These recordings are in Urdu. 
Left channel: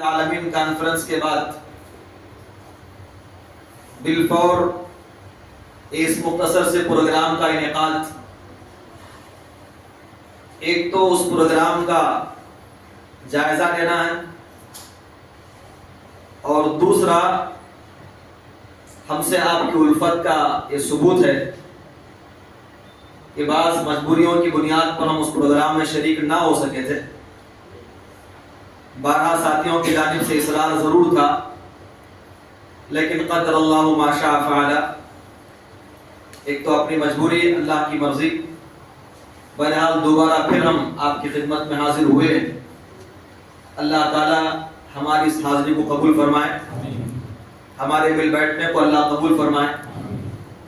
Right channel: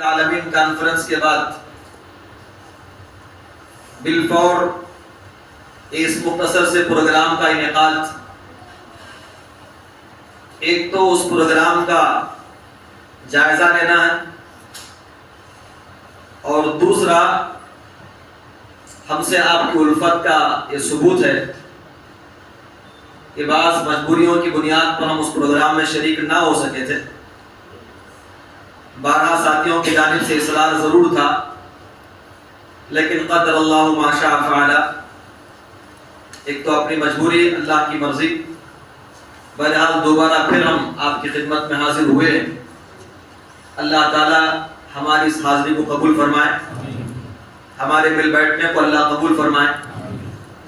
العالمین کانفرنس کے بعد بالفور اس مختصر سے پروگرام کا انعقاد، ایک تو اس پروگرام کا جائزہ لینا ہے اور دوسرا ہم سے آپ کی الفت کا یہ ثبوت ہے کہ بعض مجبوریوں کی بنیاد پر ہم اس پروگرام میں شریک نہ ہو سکے تھے۔ 12 ساتھیوں کی جانب سے اصرار ضرور تھا، لیکن قدر اللہ ما شاء فعل، ایک تو اپنی مجبوری، اللہ کی مرضی، بہرحال دوبارہ پھر ہم آپ کی خدمت میں حاضر ہوئے ہیں۔ اللہ تعالی ہماری اس حاضری کو قبول فرمائے، ہمارے مل بیٹھنے کو اللہ قبول فرمائے،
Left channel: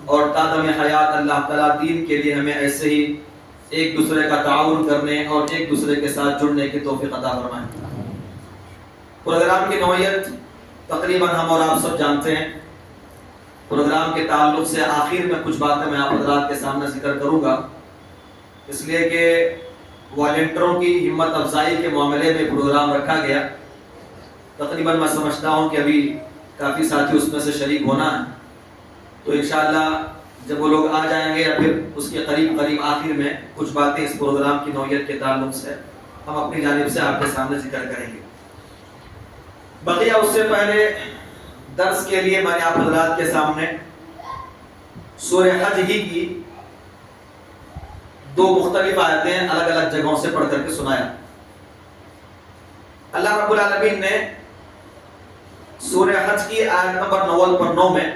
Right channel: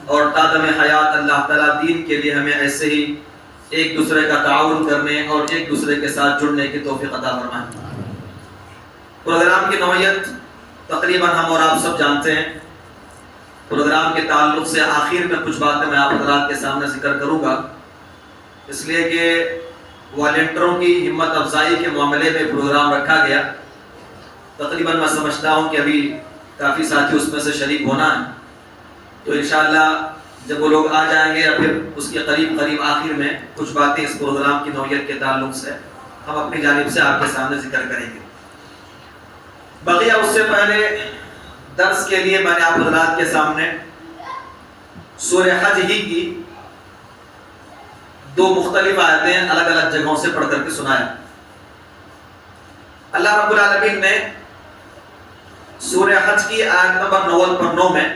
اور تادم حیات اللہ تعالیٰ دین کے لیے ہمیں ایسے ہی ایک دوسرے کا تعاون کرنے اور ایک دوسرے کے ساتھ جڑنے کی توفیق عطا فرمائے۔ پروگرام کی نوعیت تقریباً ہم اور آپ سب جانتے ہیں۔ پروگرام کے تعلق سے آخر میں کچھ باتیں میں آپ حضرات کے سامنے ذکر کروں گا، اس لیے کہ والنٹیروں کی ہمت افزائی کے معاملے میں پروگرام رکھا گیا۔ تقریباً میں سمجھتا ہوں کہ ابھی کافی ساتھی اس میں سے شریک ہونا ہے، تو انشاءاللہ جب وہ لوگ آ جائیں گے یا پھر اس کے قریب آخر میں کچھ باتیں اس پروگرام کی نوعیت کے تعلق سے ہم اپنی جانب سے آپ کے سامنے ذکر کریں گے۔ بقیہ اس سے پہلے درس کے لیے میں نے آپ حضرات کے سامنے سورہ حج ہی کی 2 مختلف آیتیں الگ الگ جگہوں سے پڑھ کر کے سنایا۔ اللہ رب العالمین نے سورہ حج کی آیت نمبر 9 میں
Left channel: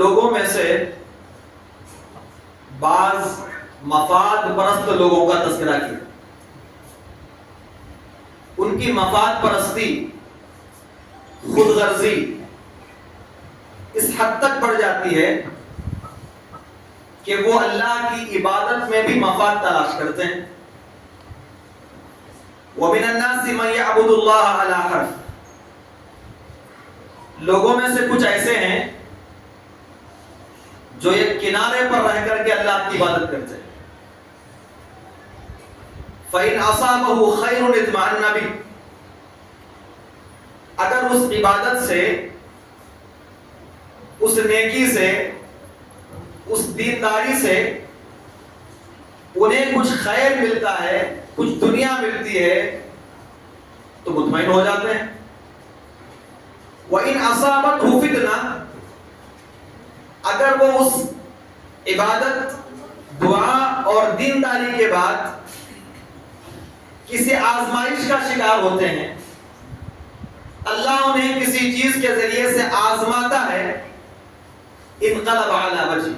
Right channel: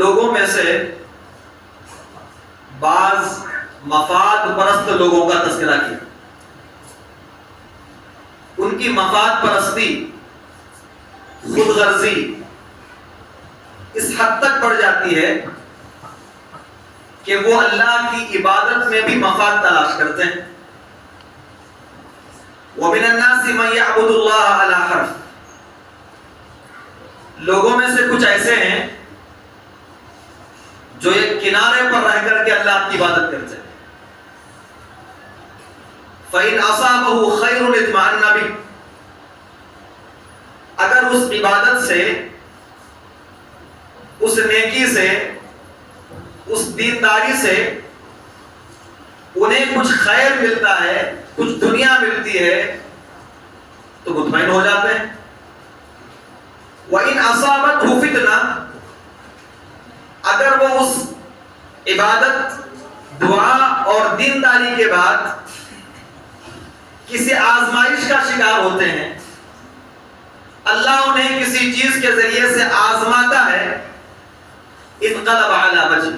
لوگوں میں سے بعض مفاد پرست لوگوں کا تذکرہ کیا۔ ان کی مفاد پرستی، خود غرضی اس حد تک بڑھ جاتی ہے کہ وہ اللہ کی عبادت میں بھی مفاد تلاش کرتے ہیں۔ وَمِنَ النَّاسِ مَن يَعْبُدُ اللَّهَ عَلَى حَرْفٍ، لوگوں میں سے کچھ ایسے ہیں جو ایک کنارے پر رہ کر کے اللہ کی عبادت کرتے ہیں۔ فَإِنْ أَصَابَهُ خَيْرٌ اطْمَأَنَّ بِهِ، اگر اس عبادت سے، اس نیکی سے، اس دینداری سے انہیں کچھ خیر ملتا ہے، کچھ دنیا ملتی ہے، تو مطمئن ہو جاتے ہیں۔ وَإِنْ أَصَابَتْهُ فِتْنَةٌ، اگر وہ اس عبادت، دعا اور دینداری کے بعد کسی آزمائش کا شکار ہوتے ہیں، اللہ انہیں کسی چیز کے ذریعے سے آزماتا ہے، انقلب علی وجہ،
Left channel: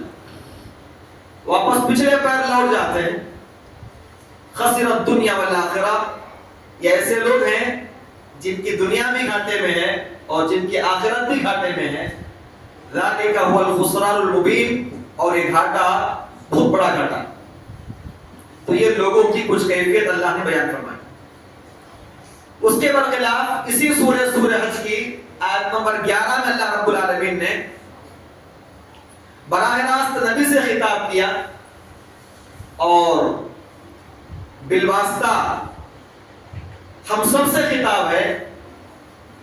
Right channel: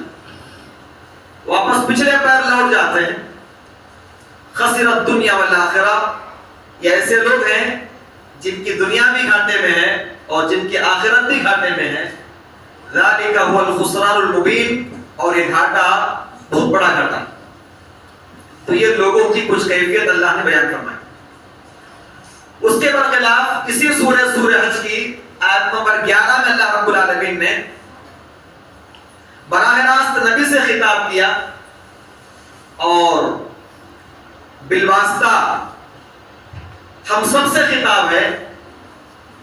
واپس پچھلے پیر لوٹ جاتے ہیں۔ خسر الدنیا والآخرہ، یہ ایسے لوگ ہیں جن کی دنیا بھی گھاٹے میں ہے اور جن کی آخرت بھی گھاٹے میں ہے۔ ذالک هو الخسران المبین، اور یہ گھاٹا بہت بڑا گھاٹا۔ تو یہ لوگوں کی کچھ کیفیت اللہ نے بیان فرمائی۔ اس کے برخلاف اسی سورہ حج کی آیت نمبر 11 میں اللہ رب العالمین نے براہ راست نبی سے خطاب کیا اور بالواسطہ ہم سب سے خطاب ہے،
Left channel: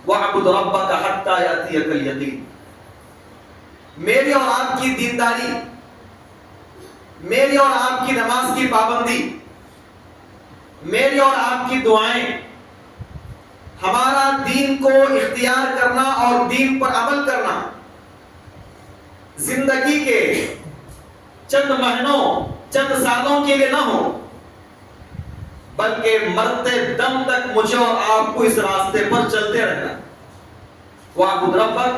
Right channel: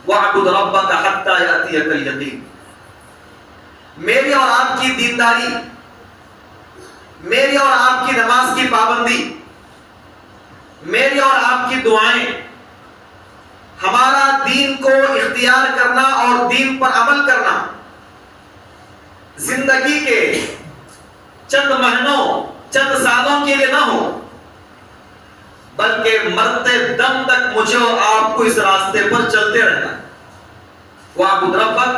وَاعْبُدْ رَبَّكَ حَتَّى يَأْتِيَكَ الْيَقِينُ، میری اور آپ کی دینداری، میری اور آپ کی نماز کی پابندی، میری اور آپ کی دعائیں، ہمارا دین کو اختیار کرنا اور دین پر عمل کرنا زندگی کے چند مہینوں، چند سالوں کے لیے نہ ہو، بلکہ مرتے دم تک مجھے اور آپ کو اس راستے پر چلتے رہنا۔ وَاعْبُدْ رَبَّكَ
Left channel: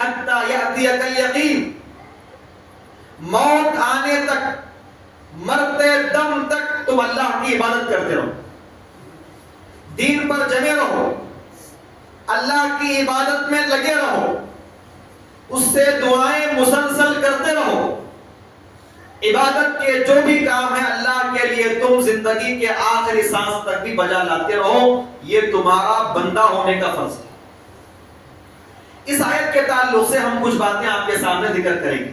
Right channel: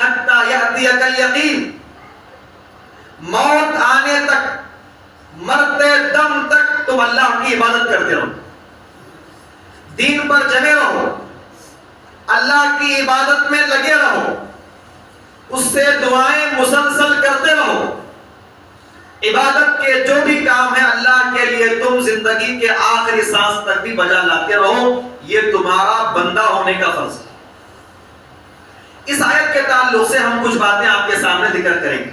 حَتَّى يَأْتِيَكَ الْيَقِينُ، موت آنے تک، مرتے دم تک تم اللہ کی عبادت کرتے رہو، دین پر جمے رہو، اللہ کی عبادت میں لگے رہو، اس سے دعائیں مسلسل کرتے رہو، عبادت کے جو بھی کام ہے اللہ کے لیے تم زندگی کے آخری سانس تک بھی بجا لاتے رہو، یہ تمہارا بندہ ہونے کا فرض ہے۔ اس آیت کے تعلق سے ہم کچھ باتیں آپ کے سامنے ذکر کریں گے۔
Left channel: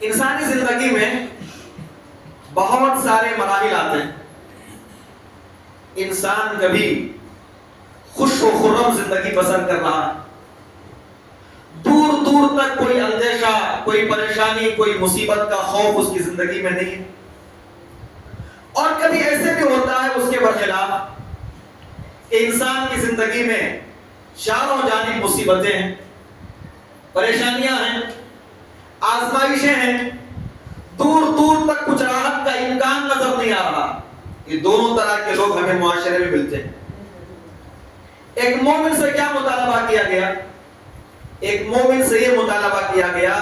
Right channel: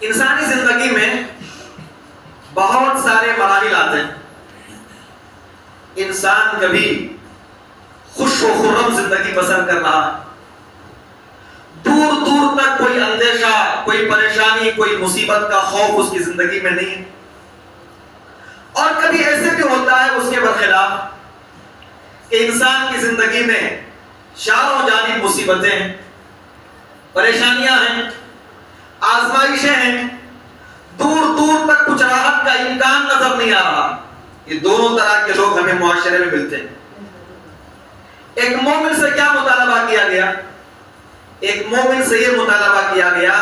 انسانی زندگی میں بہت سارے مراحل آتے ہیں، انسان کبھی خوش و خرم زندگی بسر کر رہا ہے، دور دور تک کوئی اندیشہ، کوئی پریشانی، کوئی مصیبت کا خوف اس کی زندگی میں نہیں ہے، اور کبھی ایسے بھی ہوتا ہے اس کے برخلاف کہ انسان کی زندگی میں چاروں جانب مصیبتیں ہیں، پریشانیاں ہیں، آزمائشیں ہیں، دور دور تک کچھ راحت کا امکان نظر نہیں آ رہا۔ یہ دونوں طرح کے لوگ ہمیں معاشرے میں ملتے ہیں۔ ایک مومن سے کیا مطالبہ کیا گیا؟ ایک مومن سے یہ مطالبہ کیا گیا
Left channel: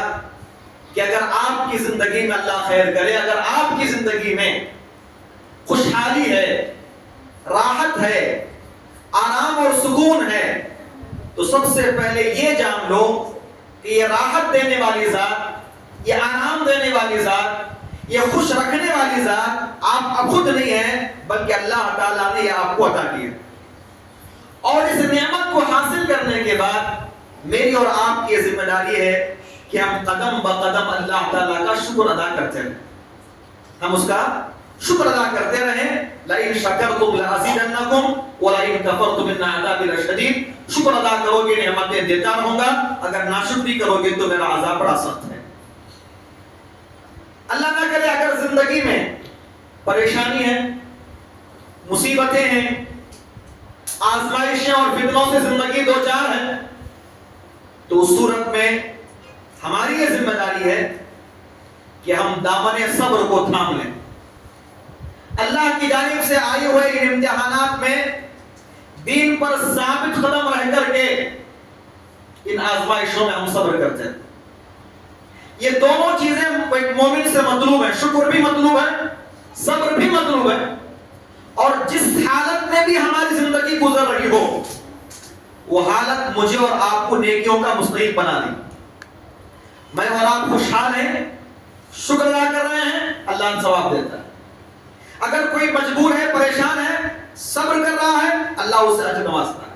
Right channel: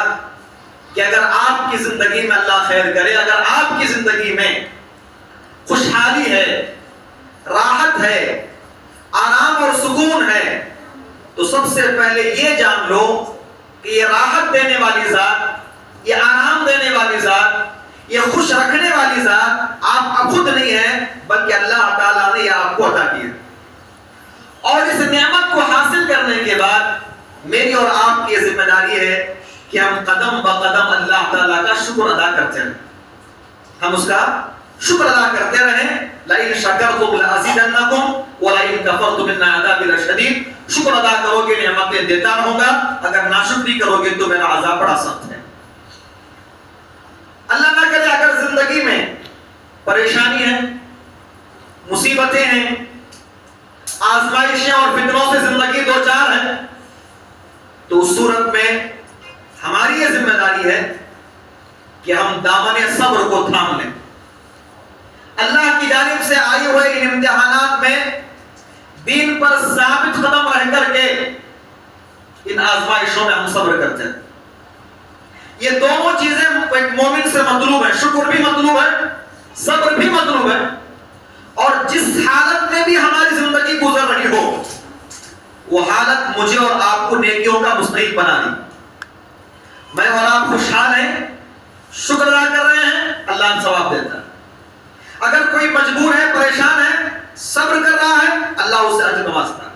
کہ اگر آپ کی زندگی میں اللہ خیر کرے، اگر آپ کی زندگی میں خوشحالی ہے، راحت ہے، آرام اور سکون ہے، تو سب سے پہلے یہ جان لو کہ یہ راحت دینے والی ذات، یہ آرام دینے والی ذات، یہ خوش رکھنے والی ذات آپ خود نہیں ہیں، بلکہ اللہ تعالیٰ نے یہ آپ کو عطا کی ہے۔ اور اس نعمت کو حاصل کرنے کے بعد میری اور آپ کی ذمہ داری ہے کہ ہم قدم بقدم اللہ تعالیٰ کا شکر ادا کرتے رہیں، ہم اس کا شکر ادا کرتے رہیں۔ لئن شکرتم لازیدنکم ولئن کفرتم ان عذابی لشدید، شکر ادا کرو گے نعمتیں دیتا رہوں گا، اگر ناشکری کرو گے تو میرا عذاب بڑا سخت ہے۔ اللہ نہ کرے اگر زندگی میں پریشانی ہے، مصیبتیں ہیں، آزمائشیں اور فتنوں سے زندگی دو چار ہے، تو اس صورت میں ہماری یہ ذمہ داری ہے کہ ہم دامن صبر کو تھام لیں۔ اللہ کی جانب سے آئے ہوئے ان امتحانات میں دین پر ثابت قدم رہ کر کے ان آزمائشوں میں ہم صبر کرتے ہیں۔ یہ دونوں چیزیں ایک مومن سے مطلوب ہیں، شکر بھی مطلوب ہے، صبر بھی مطلوب ہے، اور جس حالت میں بھی ہماری زندگی گزر رہی ہو وہ حالت مجھے اور آپ کو نیکیوں کا مستحق بنا دی۔ میں اور آپ خوشحال ہیں، شکر ادا کر رہے ہیں، اللہ ثواب دیتا ہے۔ اگر کوئی مجبور ہے، پریشان ہے، صبر کر رہا ہے، اللہ اسے اجر نوازتا ہے۔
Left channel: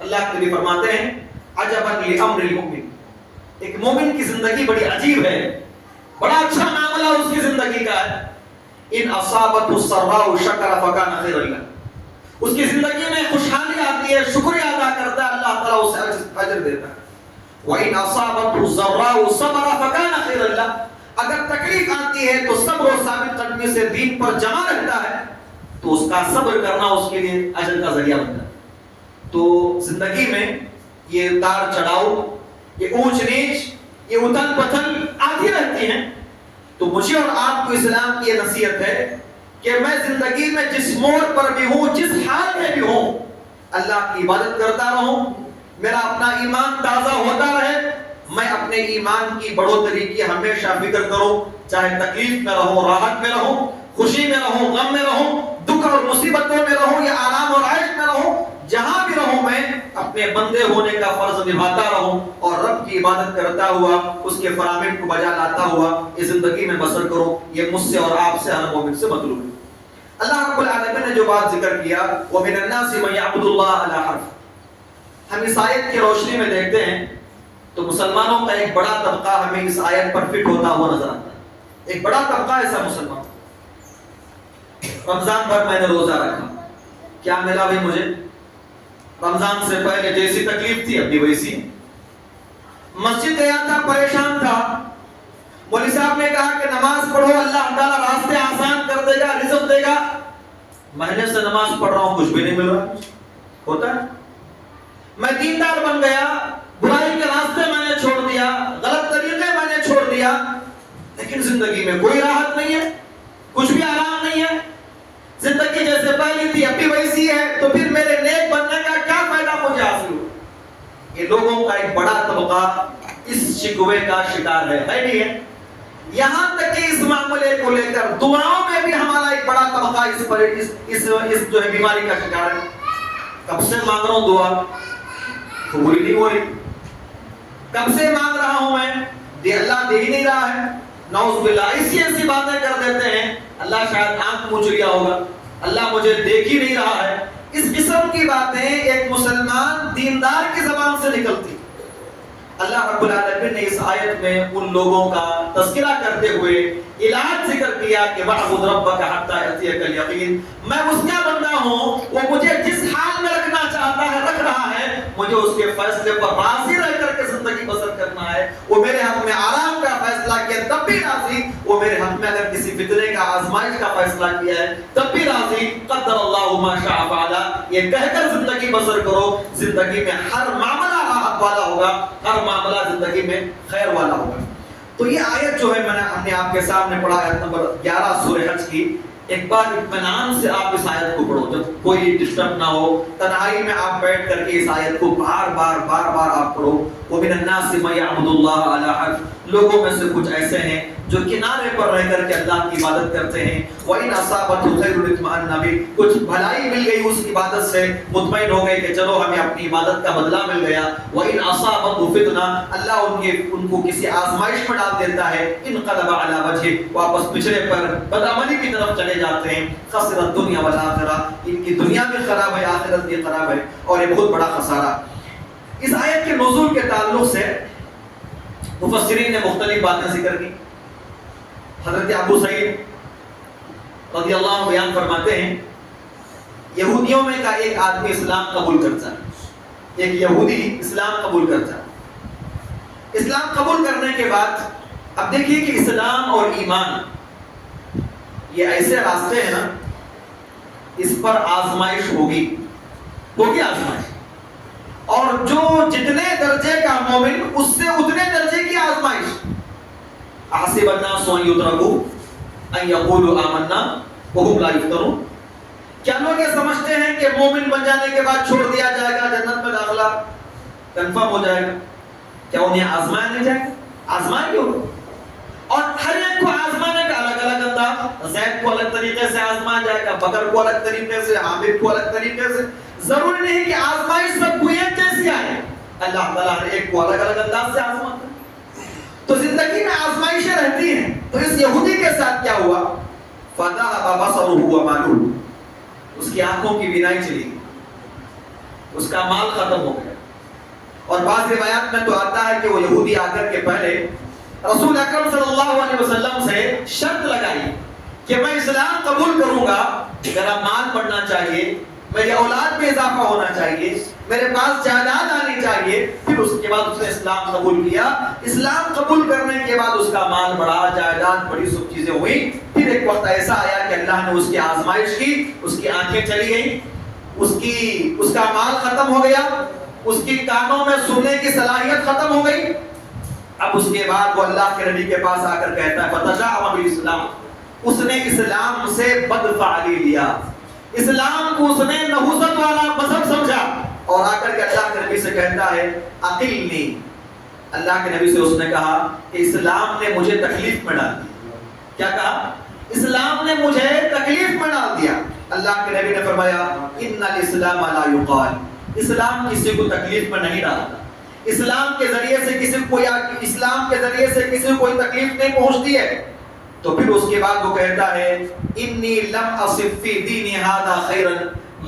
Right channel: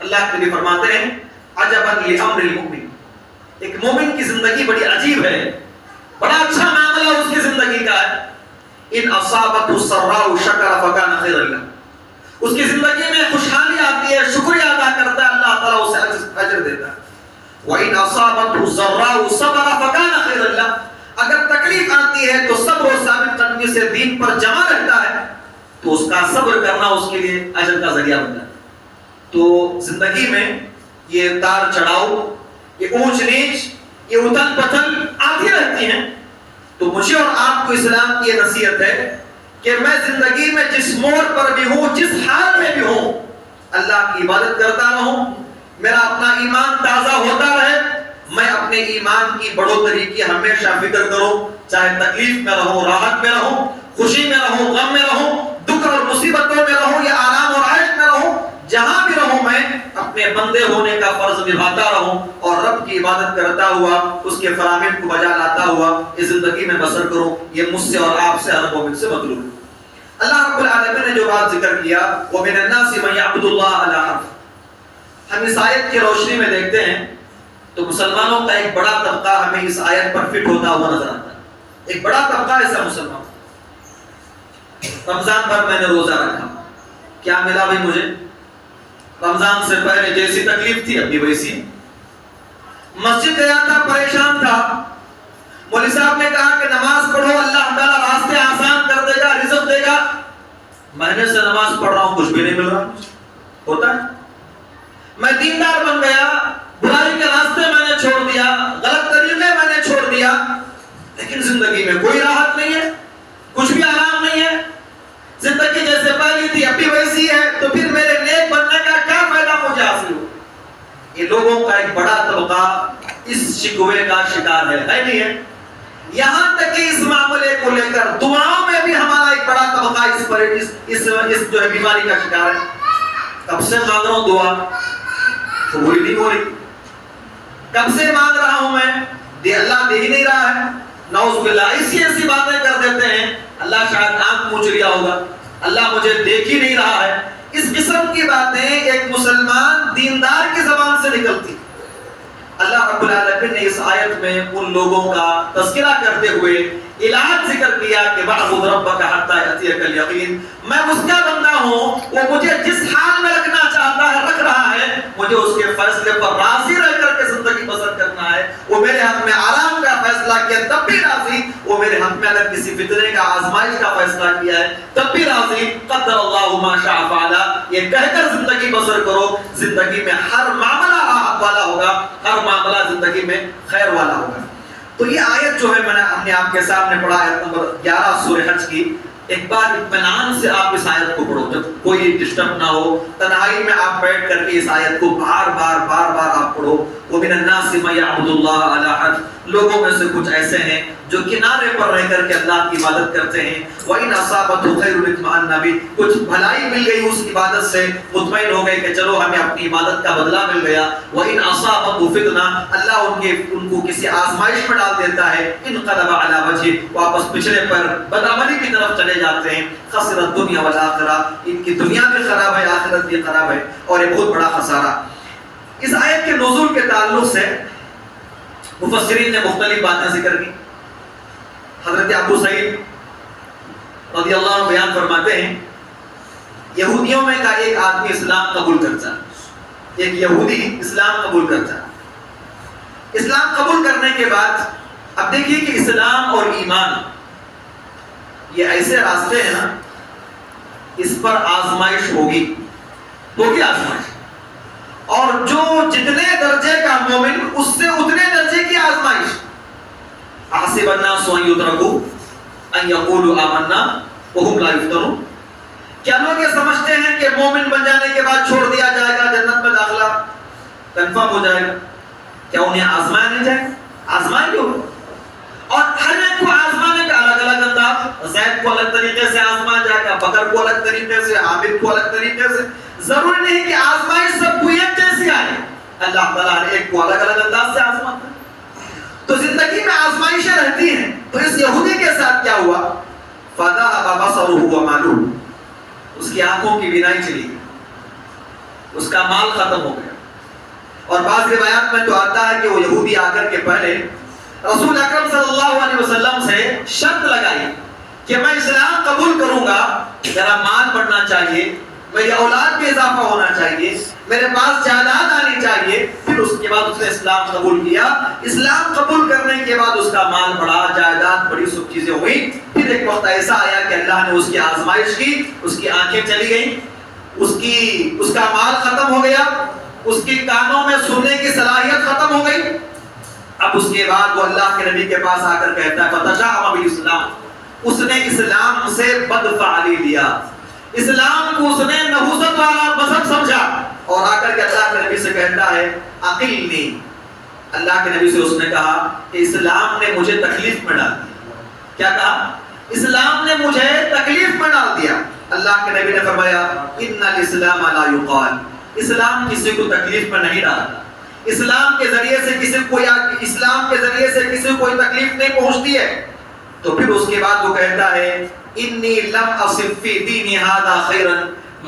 اللہ کے نبی فرماتے ہیں عجبا لامر المؤمن، ایک مومن کی زندگی بڑی عجیب ہے، بڑا اچھا معاملہ اس کی زندگی کا ہے۔ ان اصابته السراء شکر فکان خیرا له، اس کی زندگی میں خوشحالی آتی ہے، شکریہ ادا کرتا ہے، اللہ تعالیٰ اسے اجر دیتا ہے۔ وَإِنْ أَصَابَتْهُ الضَّرَّاءُ صَبَرَ فَكَانَ خَيْرًا لَهُ، اگر تکلیف آتی ہے تو صبر و ثابت قدمی سے دین پر جمع رہتا ہے تو اس کا صبر کرنا اس کے لیے اجر کا ذریعہ بنتا ہے۔ تو زندگی میں یہ تار چڑھاؤ، یہ اونچ نیچ، یہ اتل پتھل آتی رہتی ہیں، تو مجھے اور آپ کو اسلام کی یہ نصیحت ہے کہ میں زندگی میں جس موڑ پر بھی ہوں، جس حال میں بھی ہوں، اللہ کی عبادت کرتا رہوں، میرا اپنا ایمان تازہ ہوتا رہے، میں اپنے ایمان کی بڑھوتری کی ہمیشہ فکر کروں، چاہے تکلیف میں رہوں، راحت میں رہوں، خوشی میں رہوں، غم میں رہوں، دکھ اور مصیبتوں میں رہوں یا آرام اور عیش میں رہوں، جہاں بھی رہوں میں اپنے بندے ہونے کا فرض نبھاتا رہوں اور رب کی عبادت کرتا ہوا، اس کے فرامین کو بجا لاتا ہوا اس زندگی میں بسر کروں۔ یہ مجھ سے اور آپ سے، ہر مومن سے مطلوب ہے۔ اللہ رب العالمین نے جو بات ذکر کیا وَمِنَ النَّاسِ مَن يَعْبُدُ اللَّهَ عَلَى حَرْفٍ، ہم اس آیت کی روشنی میں دیکھتے ہیں تو مسلمانوں کا ایک بڑا طبقہ ہمیں اس آیت پر فٹ ہوتا ہوا نظر آتا ہے۔ ایک بڑا طبقہ ایسا مسلمان، رمضان پر میں نے روزہ رکھا، کیا ملا بھائی مجھے؟ رمضان سے پہلے جیسی تکلیف تھی ابھی ویسی۔ مسجد گیا تھا، پریشان تھا، مولوی صاحب نے کہا کہ نماز پڑھو، اللہ تعالیٰ راستے آسان کر دے گا، رزق دے گا۔ مہینے سے نماز پڑھ رہا ہوں، کچھ بھی نہیں مل رہا، ہوتا ہے۔ میں دیندار بن گیا، برائی کے راستے میں نے چھوڑ دیا، غلط طریقے میں نے چھوڑ دیا، لیکن زندگی میں کوئی راحت نہیں ہے، کچھ بھی آرام نہیں ہے، زندگی جیسے پہلی تھی ابھی ویسی ہے، تو پھر میرے نیک بننے کا کیا فائدہ مجھے حاصل ہو؟ یہ لوگوں کا ایک بڑا طبقہ اس شکوے کا شکار ہے نہیں ہے؟ یہاں تک کہ اس معاملے کو لے کر دعاؤں میں بھی ہمارا ایک بڑا طبقہ اس جو ہے بیماری کا شکار ہے۔ کب سے مانگ رہا ہوں دعا، قبول نہیں ہو رہی، کب سے مانگ رہا ہوں میں، اللہ دے ہی نہیں رہا ہے۔ نعوذ باللہ، ایسی باتیں کر دیتے ہیں، اللہ شاید آنکھ پوچھ لیا ہوگا، اللہ مجھے دیکھ ہی نہیں رہا ہے۔ اس قسم کی باتیں ایک مسلمان دیندار کی زبان سے نکلتی۔ اللہ رب العالمین نے اس آیت میں ان لوگوں کا تذکرہ کرتے ہوئے علاج ذکر کیا کہ وَاعْبُدْ رَبَّكَ حَتَّى يَأْتِيَكَ الْيَقِينُ، میں اس کا بندہ ہوں، وہ مجھے جس حال میں رکھنا چاہتا ہے رکھ رہا ہے، مجھے اس کے فیصلے پر راضی رہ کر کے زندگی بسر کرنا ہے۔ وہ میرے حق میں آرام کا فیصلہ کیا تب بھی راضی، وہ میرے حق میں اگر کسی فتنے کا آزمائش کا فیصلہ کیا ہے تب بھی راضی۔ قدر اللہ ما شاء فعل، یہ کہہ کر زندگی بسر کرو، زندگی میں ہر معاملہ راحت والا ہوگا، ہر معاملہ زندگی میں خیر والا ہوگا۔ تو یہ آیت جو ہے میں نے ہم نے آپ کے سامنے پڑھا، آیت نمبر 11 سورہ حج کی۔ ایک بار اطمینان سے آپ اس آیت کو پڑھو، جب کوئی ڈسٹرب نہ ہو، تنہائی میں آپ بیٹھ کر کے اس آیت کو بار بار آپ پڑھو۔ وَمِنَ النَّاسِ مَن يَعْبُدُ اللَّهَ عَلَى حَرْفٍ، لوگوں میں سے کچھ ایسے ہیں جو کنارے پر رہ کر کے اللہ کی عبادت کرتے ہیں۔ وَإِنْ أَصَابَتْهُ خَيْرٌ اطْمَأَنَّ بِهِ، کچھ بھلائی مل گئی اس عبادت سے، مطمئن ہو گئے کہ چلو ہمیں اپنی عبادت کا بدلہ مل گیا۔ وَإِنْ أَصَابَتْهُ فِتْنَةٌ، اللہ ان کو کسی آزمائش میں ڈال دیتا ہے، انقلب علی وجهه، واپس پچھڑے پر بدعملی کی طرف چلے جاتے ہیں۔ خسر الدنیا والآخرہ، ان کی دنیا بھی خراب ہے، آخرت بھی خراب ہے، اور یہ بہت بڑا خسارہ۔ اس آیت کے نزول کے تعلق سے مفسرین نے مختلف باتیں ذکر کی۔ حضرت ابو سعید رضی اللہ عنہ بیان فرماتے ہیں، یہودیوں میں کا ایک آدمی اسلام قبول کرتا ہے، ایک یہودی اسلام قبول کرتا ہے۔ اسلام قبول کرنے کے بعد اب دیکھیے کہ اسلام اور ایمان یہ ایسے راستے ہیں نا، اس پر آزمائش ہوگی آزمائش، اور جو جتنے درجے کا مومن اس سے اتنے درجے کی آزمائش۔ احسب الناس ان یترکوا ان یقولوا آمنا وهم لا یفتنون، کیا لوگ یہ سمجھتے ہیں کہ مومن بن جانے کے بعد چھوڑ دیا جائے گا، جنت میں داخلہ کنفرم ہو جائے گا؟ کیا انہیں آزمایا نہیں جائے گا؟ آزمائیں گے، اور ہر ایک کو آزمانے کا الگ الگ انداز، زید کو الگ طریقے سے آزمایا جائے گا، بکر کو الگ طریقے سے، عامر کو الگ طریقے سے۔ ضروری نہیں کہ آزمائش سب کو ایک جیسی آئے، اللہ تعالیٰ ہر ایک کو الگ الگ انداز سے آزماتا ہے۔ تو زندگی میں آزمائشیں رہتی ہیں۔ تو اس یہودی کے ساتھ کیا ہوا؟ فَذَهَبَ بَصَرُهُ وَمَالُهُ، اس کی آنکھوں کی بینائی چلی گئی، اس کا مال ختم ہو گیا۔ اور بعض روایات میں تو آتا ہے کہ وہ یہودی آ کر کے پہلے رسول اکرم صلی اللہ علیہ وسلم سے شرط لگائی کہ میں اسلام قبول کروں گا، میرا مال بڑھنا چاہیے، میری اولاد میں اضافہ ہونا چاہیے، میرے پاس جائیداد آنی چاہیے۔ پھر اس کے بعد اس نے اسلام قبول کیا۔ اسلام قبول کرنے کے بعد اس کا مال بڑھا، جائیداد بڑی، سب چیزیں ہوئی۔ پھر ایک وقت ایسا آیا کہ اللہ نے اس کی آزمائش کی، اس کی آنکھیں چلی گئیں، اس کا مال ختم ہو گیا، اس کی کانوں میں سننے کی صلاحیت ختم ہو گئی۔ اب اس کے بعد وہ اللہ کے نبی کے پاس آ کر کہتا ہے فتشاءم بالاسلام، اس نے اسلام سے بدفعلی لیا، اسلام کو اس نے نحوست والا مذہب سمجھا، اور آ کر کے اللہ کے نبی سے کہتا ہے اقلنی، اللہ کے نبی سے اس نے کہا کہ اسلام نے مجھے تکلیف میں ڈال دیا۔ کیا کہا؟ اسلام نے مجھے تکلیف میں ڈال دیا۔ اللہ کے نبی نے فرمایا ان الاسلام لا یقال، اسلام کسی کو تکلیف میں نہیں ڈالتا، اسلام کے ذریعے سے کسی کو کوئی تکلیف نہیں پہنچتی ہے۔ تو پھر اس کے بعد وہ کہتا ہے انی لم اصف فی دینی ھذا خیرا،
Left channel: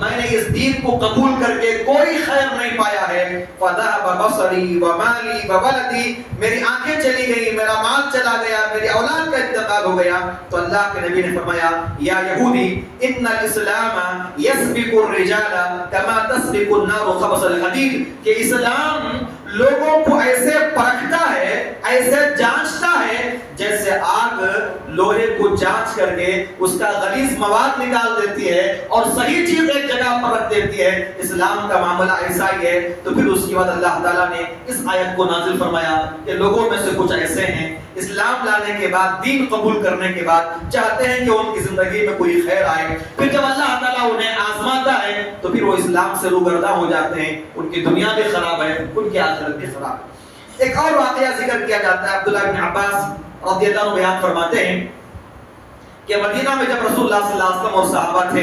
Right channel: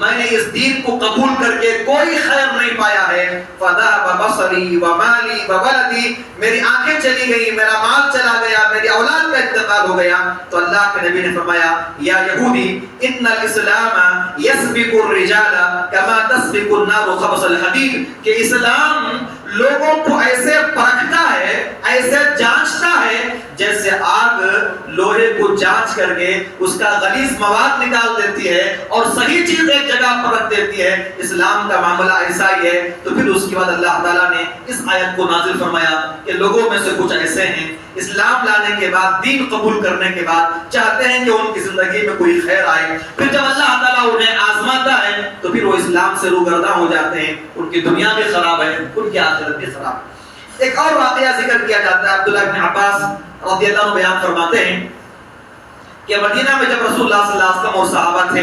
میں نے اس دین کو قبول کر کے کوئی خیر نہیں پایا ہے۔ فذهب بصری ومالی وولدی، میری آنکھیں چلی گئی، میرا مال چلا گیا، میری اولاد کا انتقال ہو گیا۔ تو اللہ کے نبی نے فرمایا یا یہودی ان الاسلام یسبق الرجال کما تسبق النار خبث الحدید، کہ اسلام لوگوں کو ایسے پرکھتا ہے، ایسے جانچتا ہے جیسے آگ لوہے کو جانچ کر کے اس کا غلیظ مواد نکال دیتی ہے اور صحیح چیز ایک جگہ پر رکھ دیتی ہے۔ اسلام کا معاملہ ایسا ہی ہے۔ تو پھر اس کے بعد اللہ تعالیٰ نے اس آیت کو نازل فرمایا کہ لوگوں میں سے کچھ ایسے ہیں اسلام لانے کے بعد، دین قبول کرنے کے بعد چاہتے ہیں کہ ان کی زندگی میں کوئی خیر آئے، پھر جب اللہ تعالیٰ انہیں آزماتا ہے تو پھر وہ اسلام سے روگرداں ہو جاتے ہیں، ان کی دنیا بھی خراب ہے، ان کی آخرت بھی خراب ہے۔ ایک اور واقعہ ذکر کیا جاتا ہے، عبداللہ بن عباس رضی اللہ عنہ بیان فرماتے ہیں کہ مدینہ میں جب رسول اللہ صلی اللہ علیہ وسلم اور صحابہ تھے،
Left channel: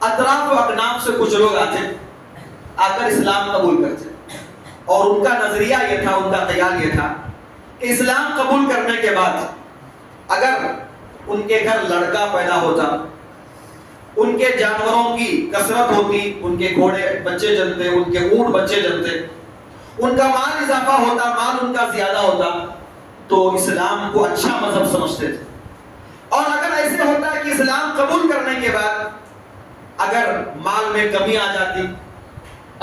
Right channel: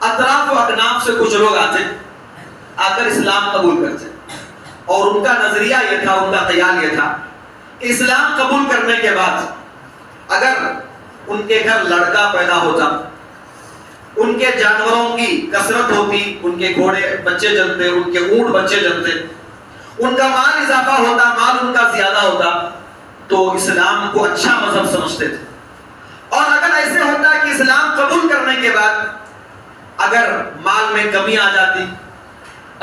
اطراف و اکناف سے کچھ لوگ آ کر اسلام قبول کرتے، اور ان کا نظریہ یہ تھا، ان کا خیال یہ تھا کہ اسلام قبول کرنے کے بعد اگر ان کے گھر لڑکا پیدا ہوتا، ان کے جانوروں کی کثرت ہوتی، ان کے گھوڑے بچے جنتے، ان کے اونٹ بچے جنتے، ان کا مال اضافہ ہوتا، مال ان کا زیادہ ہوتا، تو اسلام کو اچھا مذہب سمجھتے تھے، اور اگر ایسے ہوتا ہے کہ اسلام قبول کرنے کے بعد اگر مال میں کمی آ جاتی،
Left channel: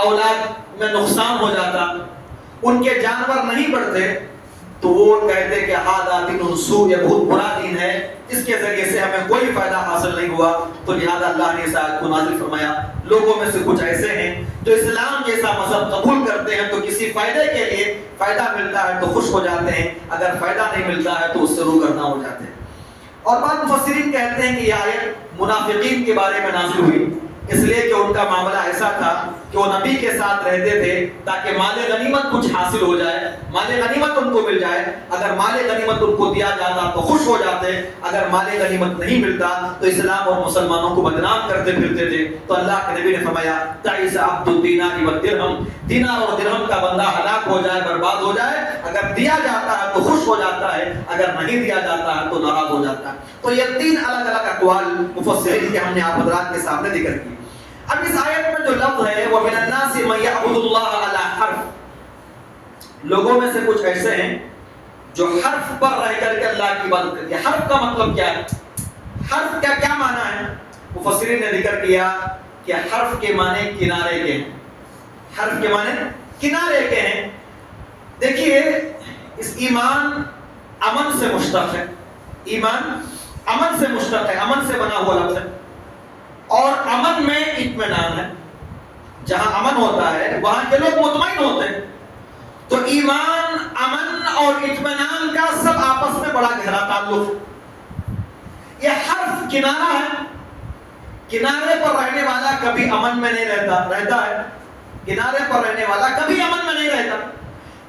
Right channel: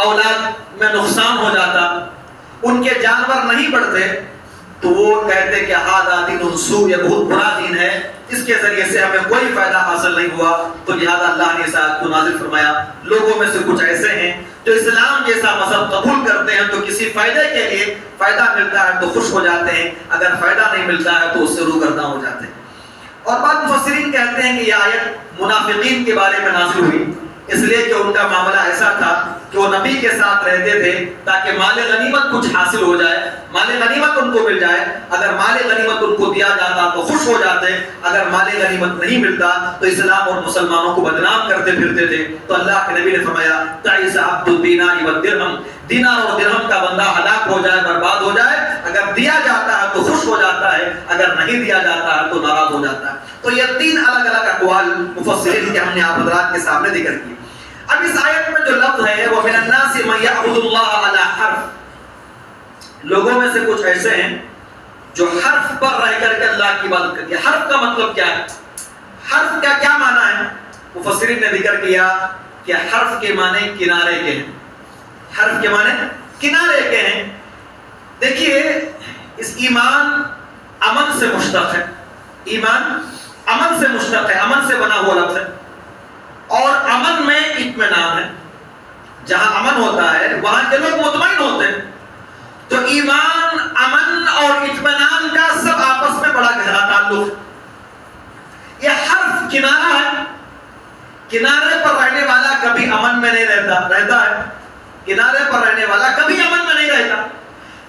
اولاد میں نقصان ہو جاتا، ان کے جانور نہیں بڑھتے، تو وہ کہتے کہ ہذا دین سوء، یہ بہت برا دین ہے، اس کے ذریعے سے ہمیں کوئی فائدہ حاصل نہیں ہوا. تو لہذا اللہ نے اس آیت کو نازل فرمایا. لوگوں میں سے کچھ ایسے ہیں جو اسلام جیسا مذہب قبول کرتے ہیں تو کسی فائدے کے لیے فائدہ ملتا ہے تو خوش ہو جاتے ہیں، اگر فائدہ نہیں ملتا ہے تو اس سے روگرداں ہو جاتے ہیں. اور بعض مفسرین کہتے ہیں کہ یہ آیت منافقین کے بارے میں نازل ہوئی، اس لیے کہ ان کا معاملہ ایسا تھا کہ وہ نبی کے ساتھ رہتے تھے تاکہ مال غنیمت کچھ حاصل ہو جائے، مال غنیمت ان کو مل جائے. اگر مال غنیمت ان کو دیا جاتا تو خوش ہو جاتے، اگر مال غنیمت نہیں ملتا تو اسلام اور مسلمانوں کو بدنام کرتے پھرتے تھے. تو اللہ کے نبی نے فرمایا تعیس عبد الدینار والدرہم، دینار اور درہم کا بندہ ہلاک ہو جائے، برباد ہو جائے. اگر دیا جاتا ہے تو خوش ہو جاتا ہے، اگر نہیں دیا جاتا ہے تو ناراض ہو جاتا ہے. تو یہ تین الگ الگ اقوال مفسرین کے ہم نے آپ حضرات کے سامنے ذکر کیے. اب اس آیت میں جو لفظ ہے وہ من الناس من یعبد اللہ علی حرف، لوگوں میں سے کچھ ایسے ہیں جو حرف پر رہ کر کے اللہ کی عبادت کرتے ہیں. حرف کا مطلب کیا ہے؟ حرف کا کیا معنی ہے؟ مفسرین نے ذکر کیا کہ حرف کے معنی کنارے کے ہیں. حرف کے معنی کنارے کے ہیں. دیکھیے اس ایمان امن سے مشتق ہے، ایمان امن سے مشتق ہے، امن سے بنا ہوا لفظ ہے. اور امن میں اطمینان ہے، جہاں امن ہوتا ہے وہاں کے لوگ مطمئن ہوتے ہیں. تو ایمان، امن اور اطمینان کا سب آپس میں بڑا گہرا تعلق. یہ حرف کنارہ ہے، کنارے پر رہنے والا کبھی امن میں نہیں رہتا ہے. کنارے پر رہنے والا کبھی امن میں نہیں رہتا.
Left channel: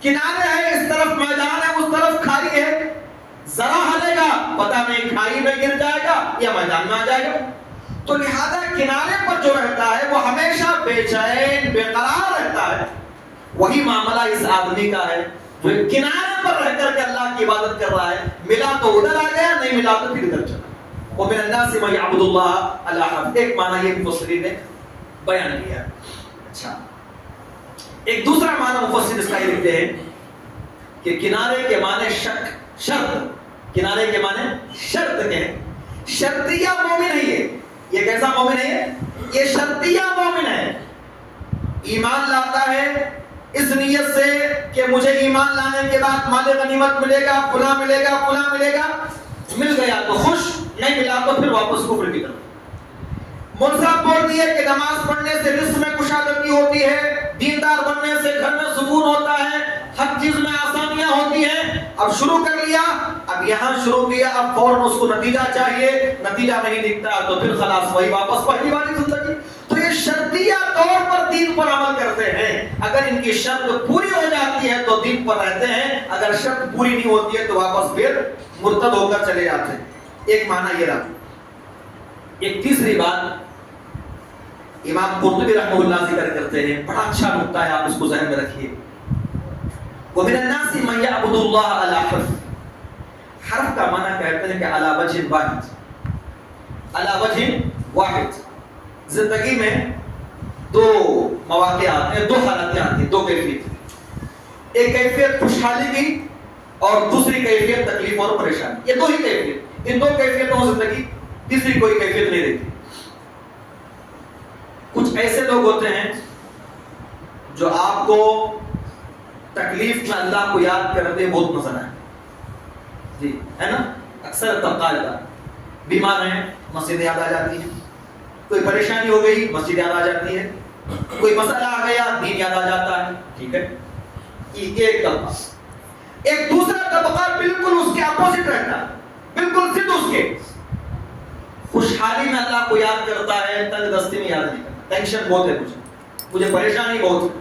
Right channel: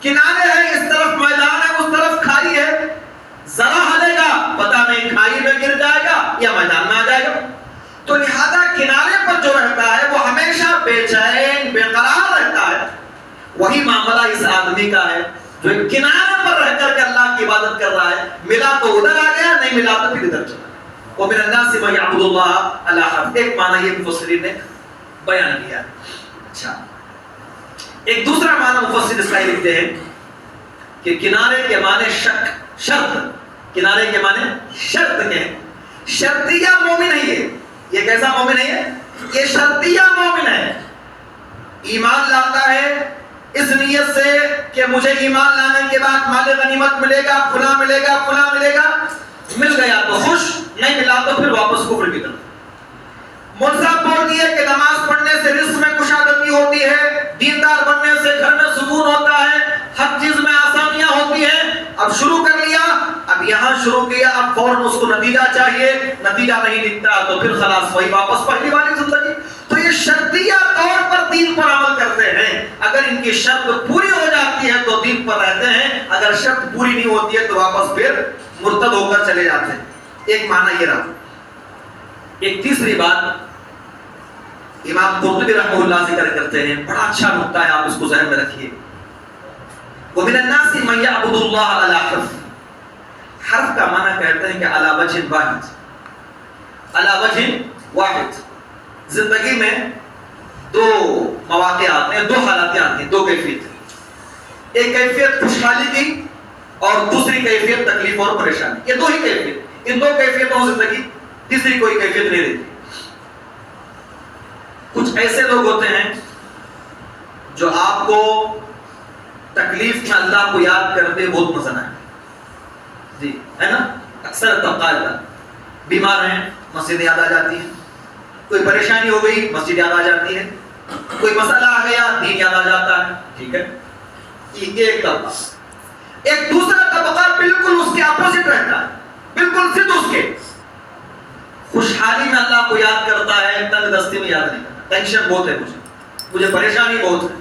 کنارے ہے، اس طرف میدان ہے، اس طرف کھائی ہے، ذرا ہلے گا پتہ نہیں کھائی میں گر جائے گا یا میدان میں آ جائے گا. تو لہذا کنارے پر جو رہتا ہے وہ ہمیشہ بے چین بے قرار رہتا ہے. وہی معاملہ اس آدمی کا ہے جو کنارے پر رہ کر کے اللہ کی عبادت کر رہا ہے. ملا تو ادھر آ گیا، نہیں ملا تو پھر ادھر چلا. ومن الناس من یعبد اللہ علی حرف، ایک معنی یہ مفسرین نے بیان کیا. اچھا، ایک دوسرا معنی مفسر اس کا لکھتے ہیں کہ کنارے کے معنی شک، شرط. کنارے کے معنی شرط کے ہیں. شرطیہ مومن ہے یہ کیسا مومن ہے؟ یہ شرطیہ مومن ہے. ایمان لاتا ہے اس نیت سے کہ مجھے ایمان لانے کے بعد مال غنیمت ملے گا، فلاں ملے گا، فلاں ملے گا. مل گیا تو خوش، نہیں ملا تو پھر واپس کفر کی طرف. مذہب بولتی ہے کہ نماز پڑھنے سے رزق میں کشادگی ہوتی ہے، دیندار بننے سے گھر میں سکون ہوتا ہے، ہر چیز میں آسانیاں ہوتی ہیں. اب شروع کر لیا، اب یہاں شروع کیا، اب فوراً اس کو نتیجہ چاہیے، نتیجہ نہیں دکھتا تو پھر خلاص وہی واپس پہلی والی زندگی. تو یہ شرطیہ طور پر دین پر عمل کرتے ہیں. اگر ان کی شرط پوری ہو جاتی ہے تو دین پر رہتے ہیں، اگر شرط پوری نہیں ہوتی ہے تو واپس پھر مرتد ہو کر چلے جاتے ہیں. ایک معنی یہ رہا. ایک تیسری بات امام قرطبی رحمہ اللہ ذکر کرتے ہیں، بڑا اچھا نقطہ ہے، آپ اس کو ذہن میں رکھیے. ومن الناس من یعبد اللہ علی حرف. حرف کا معنی کہتے ہیں کہ علی وجہ واحد، علی وجہ واحد. زندگی میں دو مواقع آتے ہیں، دو حالات آتی ہیں، دو کیفیت. ایک کیفیت خوشحالی کی اور دوسری کیفیت تکلیف اور پریشانی. یہ دو ہی کیفیت، ان دو کیفیتوں زندگی، تیسری کوئی کیفیت نہیں رہتی. کچھ ایسے لوگ ہوتے ہیں جو آپ کو تکلیف میں اللہ کو یاد کرتے بہت مزہ آئے. جی ہے نا، اکثر طبقہ کا بیمار ہیں مسجد یاد آ جاتی ہے، کوئی پریشانی ہو گئی مسجد یاد آ جاتی ہے، کوئی مسئلہ آ گیا دین یاد آ جاتا ہے. ٹھیک ہے، یہ ایک طبقہ. ایک دوسرا طبقہ بالکل اس کے اپوزٹ رہتا ہے، بالکل ضد اس کے. خوشحالی میں اللہ کو یاد کرتا ہے، تنگ دستی میں یاد نہیں کرتا. ٹینشن بہت ہے مجھے پریشانی بہت ہے.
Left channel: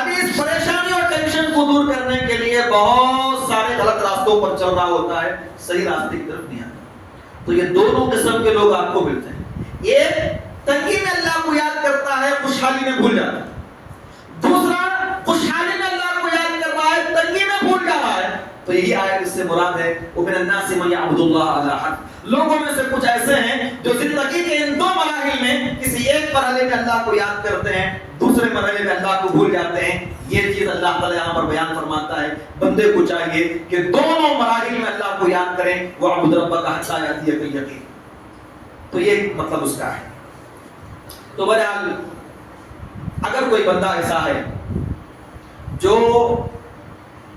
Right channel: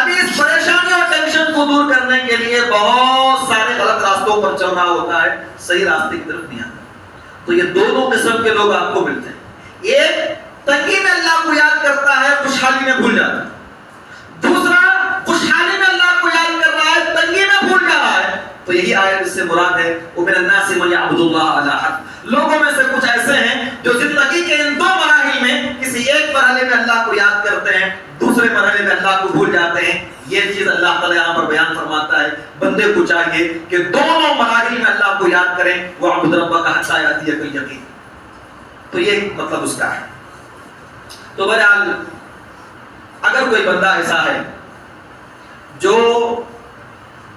ابھی اس پریشانی اور ٹینشن کو دور کرنے کے لیے بہت سارے غلط راستوں پر چل رہا ہوتا ہے، صحیح راستے کی طرف نہیں آتا. تو یہ دونوں قسم کے لوگ آپ کو ملتے ہیں. ایک تنگی میں اللہ کو یاد کرتا ہے، خوشحالی میں بھول جاتا ہے. دوسرا خوشحالی میں اللہ کو یاد کر رہا ہے، تنگی میں بھول جا رہا ہے. تو یہی آیت اس سے مراد ہے ومن الناس من یعبد اللہ علی حرف. لوگوں میں سے کچھ ایسے ہیں جو زندگی کے ان دو مراحل میں کسی ایک مرحلے میں اللہ کو یاد کرتے ہیں، دوسرے مرحلے میں اللہ کو بھول جاتے ہیں. یہ چیز اللہ تعالیٰ یہاں پر بیان فرماتا ہے بندے کو چاہیے کہ دونوں مراحل میں اللہ کو یاد کریں. وَاعْبُدْ رَبَّكَ حَتَّىٰ يَأْتِيَكَ الْيَقِينُ. تو یہ مطلب اس کا ہے. تو بہرحال اگر کوئی بندہ ایسا ہے جو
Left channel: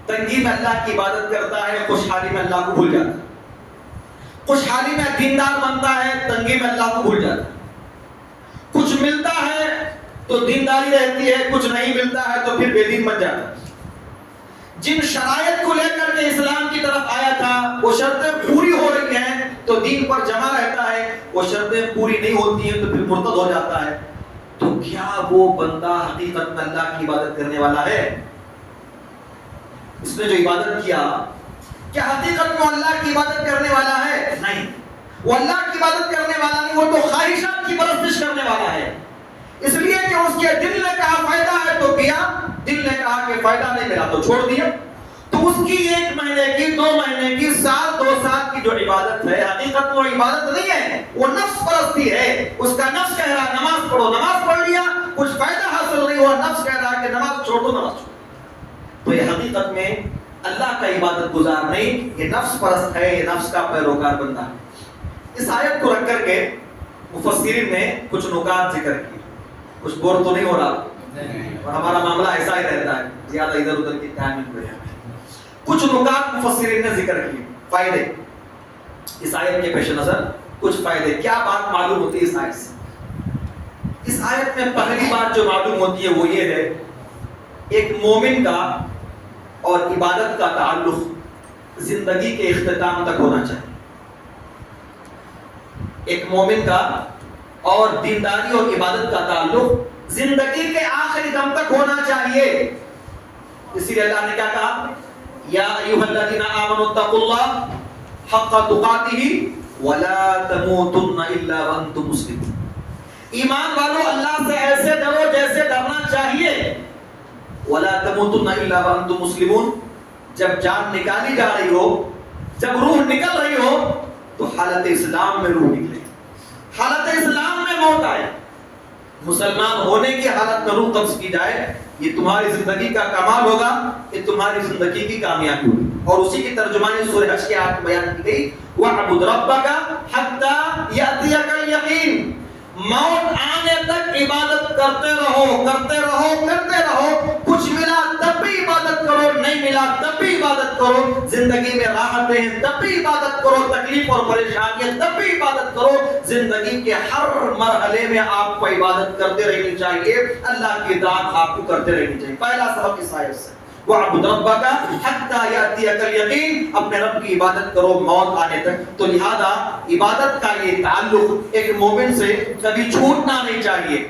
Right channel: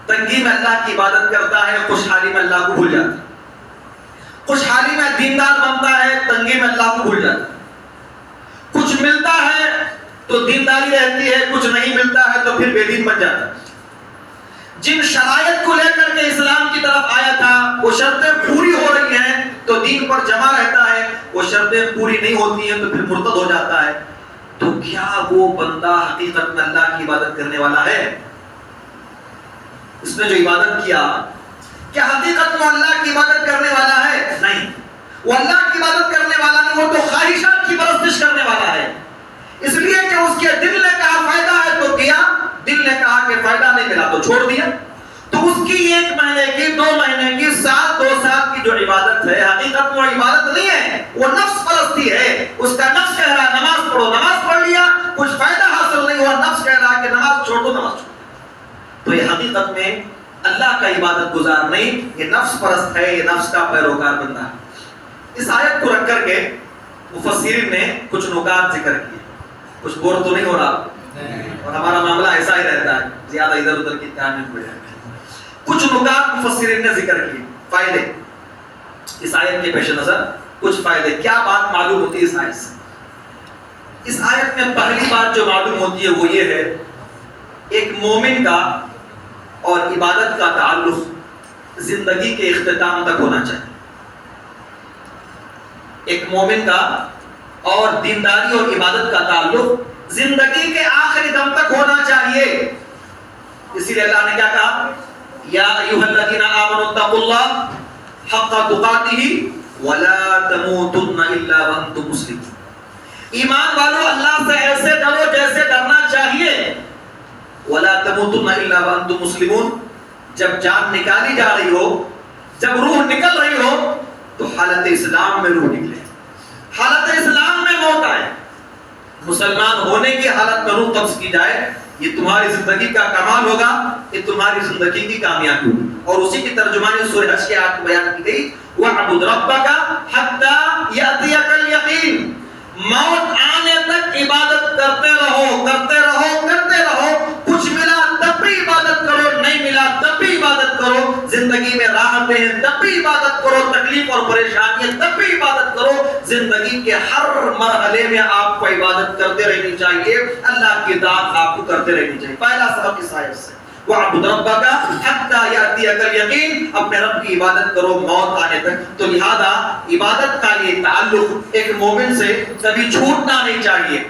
تنگی میں اللہ کی عبادت کرتا ہے، خوشحالی میں اللہ کو بھول جاتا ہے، خوشحالی میں دیندار بنتا ہے، تنگی میں اللہ کو بھول جاتا ہے، کچھ ملتا ہے تو دینداری رہتی ہے، کچھ نہیں ملتا ہے تو پھر بے دین بن جاتا ہے. جن شرائط کو لے کر کے اسلام کی طرف آیا تھا وہ شرطیں پوری ہو رہی ہیں تو دین پر جمع رہتا ہے، وہ شرطیں پوری نہیں ہوتی ہیں تو پھر مرتد ہو جاتا ہے. تو کیا وہ بندہ حقیقت میں اللہ کی عبادت کرنے والا ہے؟ اس نے جو عبادت کیا کیا حقیقت میں اللہ کی عبادت کرنے والا ہے؟ نہیں، وہ اللہ کی عبادت کرنے والا نہیں، وہ تو خواہشات کی پرستش کرنے والا ہے. اس لیے کہ اس کے دل نے کہا فائدہ ہے تو کیا، دل نے کہا کہ فائدہ نہیں ملا تو چھوڑ دیا. تو اس کی 1 مہینے کی، 2 مہینے کی، سال 2 سال کی جو عبادت ہے حقیقت میں عبادت نہیں ہے، وہ نفس پرستی ہے. اس کا نفس کہہ رہا نماز پڑھو، نماز پڑھ لیا، کچھ فائدہ حاصل نہیں ہوا، نفس کہہ رہا کہ نماز چھوڑ دو، نماز چھوڑ. تو یہ حقیقت میں اللہ کا عبادت گزار نہیں، یہ نفس پرست ہے، یہ نفس کا پیروکار بندہ ہے. اس آیت کو رکھ کر کے مفسرین نے کچھ نکات ذکر کیے. کچھ بور تو نہیں ہو رہا؟ اور ہمارا معاملہ ایسا ہی رہتا ہے، زیادہ ادھر ادھر کی تعمیر ہو جائے. کچھ نکات مفسرین نے ذکر کیے، فائدے اس آیت کے پیش نظر. کچھ فائدے، کیا بات معلوم ہوتی ہے اس آیت سے؟ اس آیت میں پہلی بات جو معلوم ہوتی ہے وہ یہ ہے، ایک مومن کا اور عبادت کا تعلق زندگی کے اختتام تک ہونا چاہیے. ایک مومن کا اور دینداری اور عبادت کا تعلق زندگی کے آخری دم تک ہونا چاہیے. اسی لیے اللہ نے کیا کہا؟ یا ایھا الذین آمنوا اتقوا اللہ حق تقاتہ ولا تموتن الا وانتم مسلمون. ایمان والو اللہ سے ایسے ڈرو جیسے ڈرنا چاہیے. ولا تموتن الا وانتم مسلمون. جب جان نکالی جا رہی ہو، جب روح نکل رہی ہو تو حالت اسلام میں روح نکلے، حالت اسلام میں موت آئے. مسلمان ہونے کی حالت میں روح قبض کی جائے، یہ تمہاری زندگی کا کمال ہوگا، یہ تمہاری زندگی کی کامیابی ہوگی. اور اسی کی ترجمانی سورہ حج کے آیت میں بیان کی گئی، وَاعْبُدْ رَبَّكَ حَتَّىٰ يَأْتِيَكَ الْيَقِينُ. موت آنے تک عبادت کرتے رہو، کرتے رہو، کرتے رہو. کچھ ملا تب بھی عبادت کرو، نہیں ملا تب بھی عبادت کرو. زندگی میں راحتیں ہیں تب بھی عبادت کرو، تکلیف اور پریشانیاں تب بھی عبادت کرو. زندگی کے ہر مرحلے میں آپ کو عبادت کرتے رہنی چاہیے، اللہ کی اطاعت آپ کو کرتے رہنی چاہیے. پہلا سبق اس آیت سے، وَاعْبُدْ رَبَّكَ حَتَّىٰ يَأْتِيَكَ الْيَقِينُ. اپنے رب کی عبادت کرو موت آنے تک. تو لہذا عبادت کا یہ تعلق ایک مومن سے کبھی چھوٹنا نہیں چاہیے.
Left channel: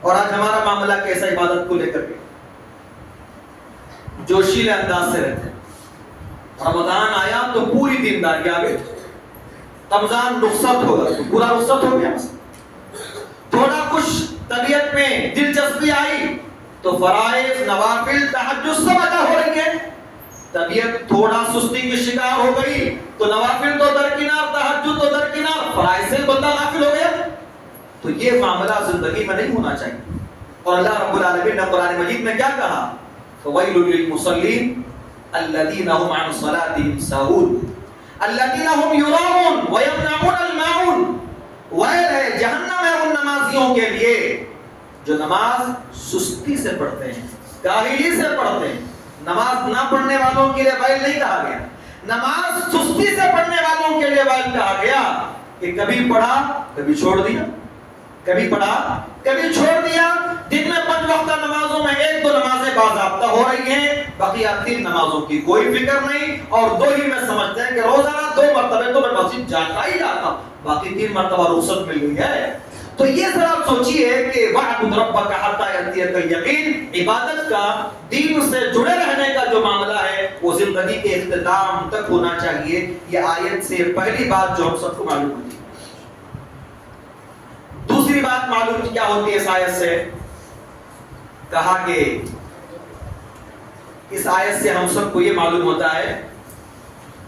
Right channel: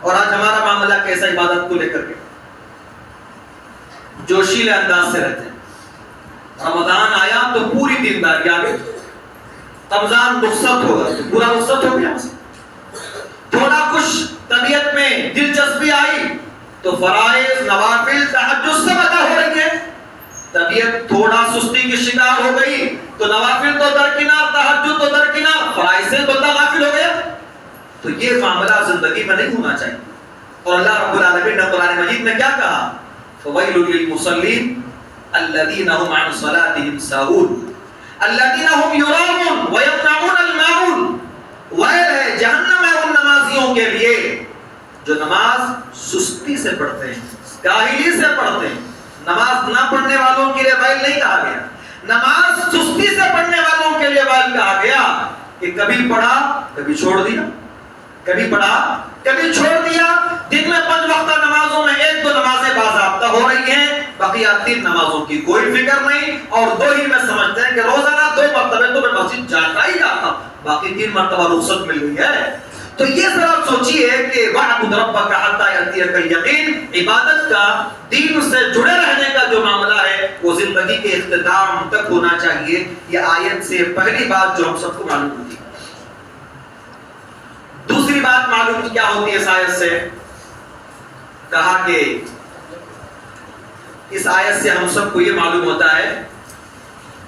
اور آج ہمارا معاملہ کیسا عبادت کو لے کر کے؟ جوشیلے انداز سے رہتے ہیں. رمضان آیا تو پوری دینداری آ گئی، رمضان رخصت ہوگا تو پورا رخصت ہو گیا. تھوڑا کچھ طبیعت میں دلچسپی آئی تو فرائض، نوافل، تہجد سب ادا ہو رہی ہے. طبیعت تھوڑا سستی کی شکار ہو گئی تو نوافل تو درکنار، تہجد تو درکنار، فرائض سے بندہ غافل ہو گیا. تو یہ معاملہ زندگی میں نہیں ہونا چاہیے. اور اللہ رب العالمین نے قرآن مجید میں کیا کہا؟ فویل للمصلین الذین هم عن صلاتهم ساہون الذین هم یراؤون ویمنعون الماعون. ویل ہے، جہنم ہے ان نمازیوں کے لیے جو نماز سستی سے پڑھتے ہیں، کاہلی سے پڑھتے ہیں. نماز نہ پڑھنے والوں کے لیے ویل نہیں کہا گیا، نماز سستی سے پڑھنے والوں کے لیے ویل کہا گیا کہ کبھی پڑھا کبھی چھوڑ دیا، کبھی پڑھا کبھی چھوڑ دیا. دن میں 5 وقتہ نمازوں میں 1-2 نمازیں باضابطہ ہو رہی ہیں، بقیہ 3 نمازوں کی کوئی فکر نہیں، اور 2 ہی میں سمجھتے ہیں کہ روزانہ 2 مرتبہ تو میں مسجد جاتا ہی جاتا، باقی 3 مرتبہ رخصت مل گئی ہے. تو یہ ذرا سوچیے کہ وَاعْبُدْ رَبَّكَ حَتَّىٰ يَأْتِيَكَ الْيَقِينُ. عبادت کا، دین سے جڑے رہنے کا جو معاملہ ہے وہ زندگی کے اختتام تک ہونا چاہیے. یہ آیت سے پہلی بات جو ہم سب کو معلوم ہوتی ہے. دوسری بات معلوم کیا ہوتی ہے اس آیت سے؟ کہا کہ اس آیت سے ہم سب کو یہ معلوم ہوتا ہے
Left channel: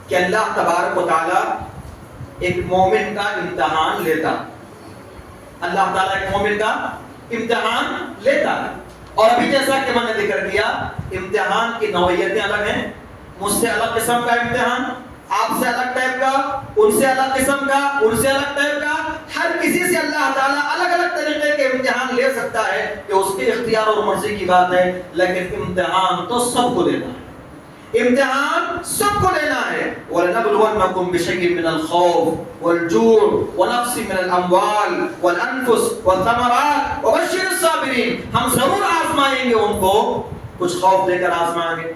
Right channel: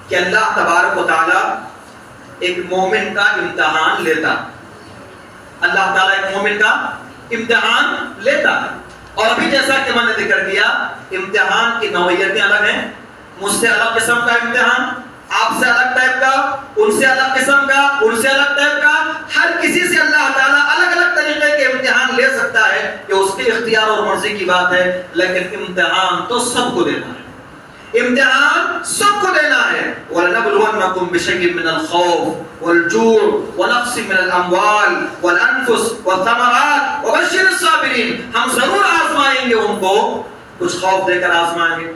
کہ اللہ تبارک و تعالی ایک مومن کا امتحان لیتا ہے. اللہ تعالیٰ ایک مومن کا امتحان لیتا ہے. اور ابھی جیسا کہ میں نے ذکر کیا امتحان کی نوعیتیں الگ ہیں. مجھ سے الگ قسم کا امتحان, آپ سے الگ ٹائپ کا, ان سے الگ قسم کا, ان سے الگ ٹائپ کا. ہر کسی سے اللہ تعالیٰ الگ الگ طریقے کے امتحان لے سکتا ہے. یہ اس کے اختیار اور مرضی کی بات ہے, لیکن امتحان تو سب کو دینا ہے. امتحان سب کو دینا ہے. وَلَنَبْلُوَنَّكُمْ بِشَيْءٍ مِّنَ الْخَوْفِ وَالْجُوعِ وَنَقْصٍ مِّنَ الْأَمْوَالِ وَالْأَنفُسِ وَالثَّمَرَاتِ وَبَشِّرِ الصَّابِرِينَ. ہم ضرور آزمائیں گے ان کو, کچھ خوف دے کر آزمائیں گے,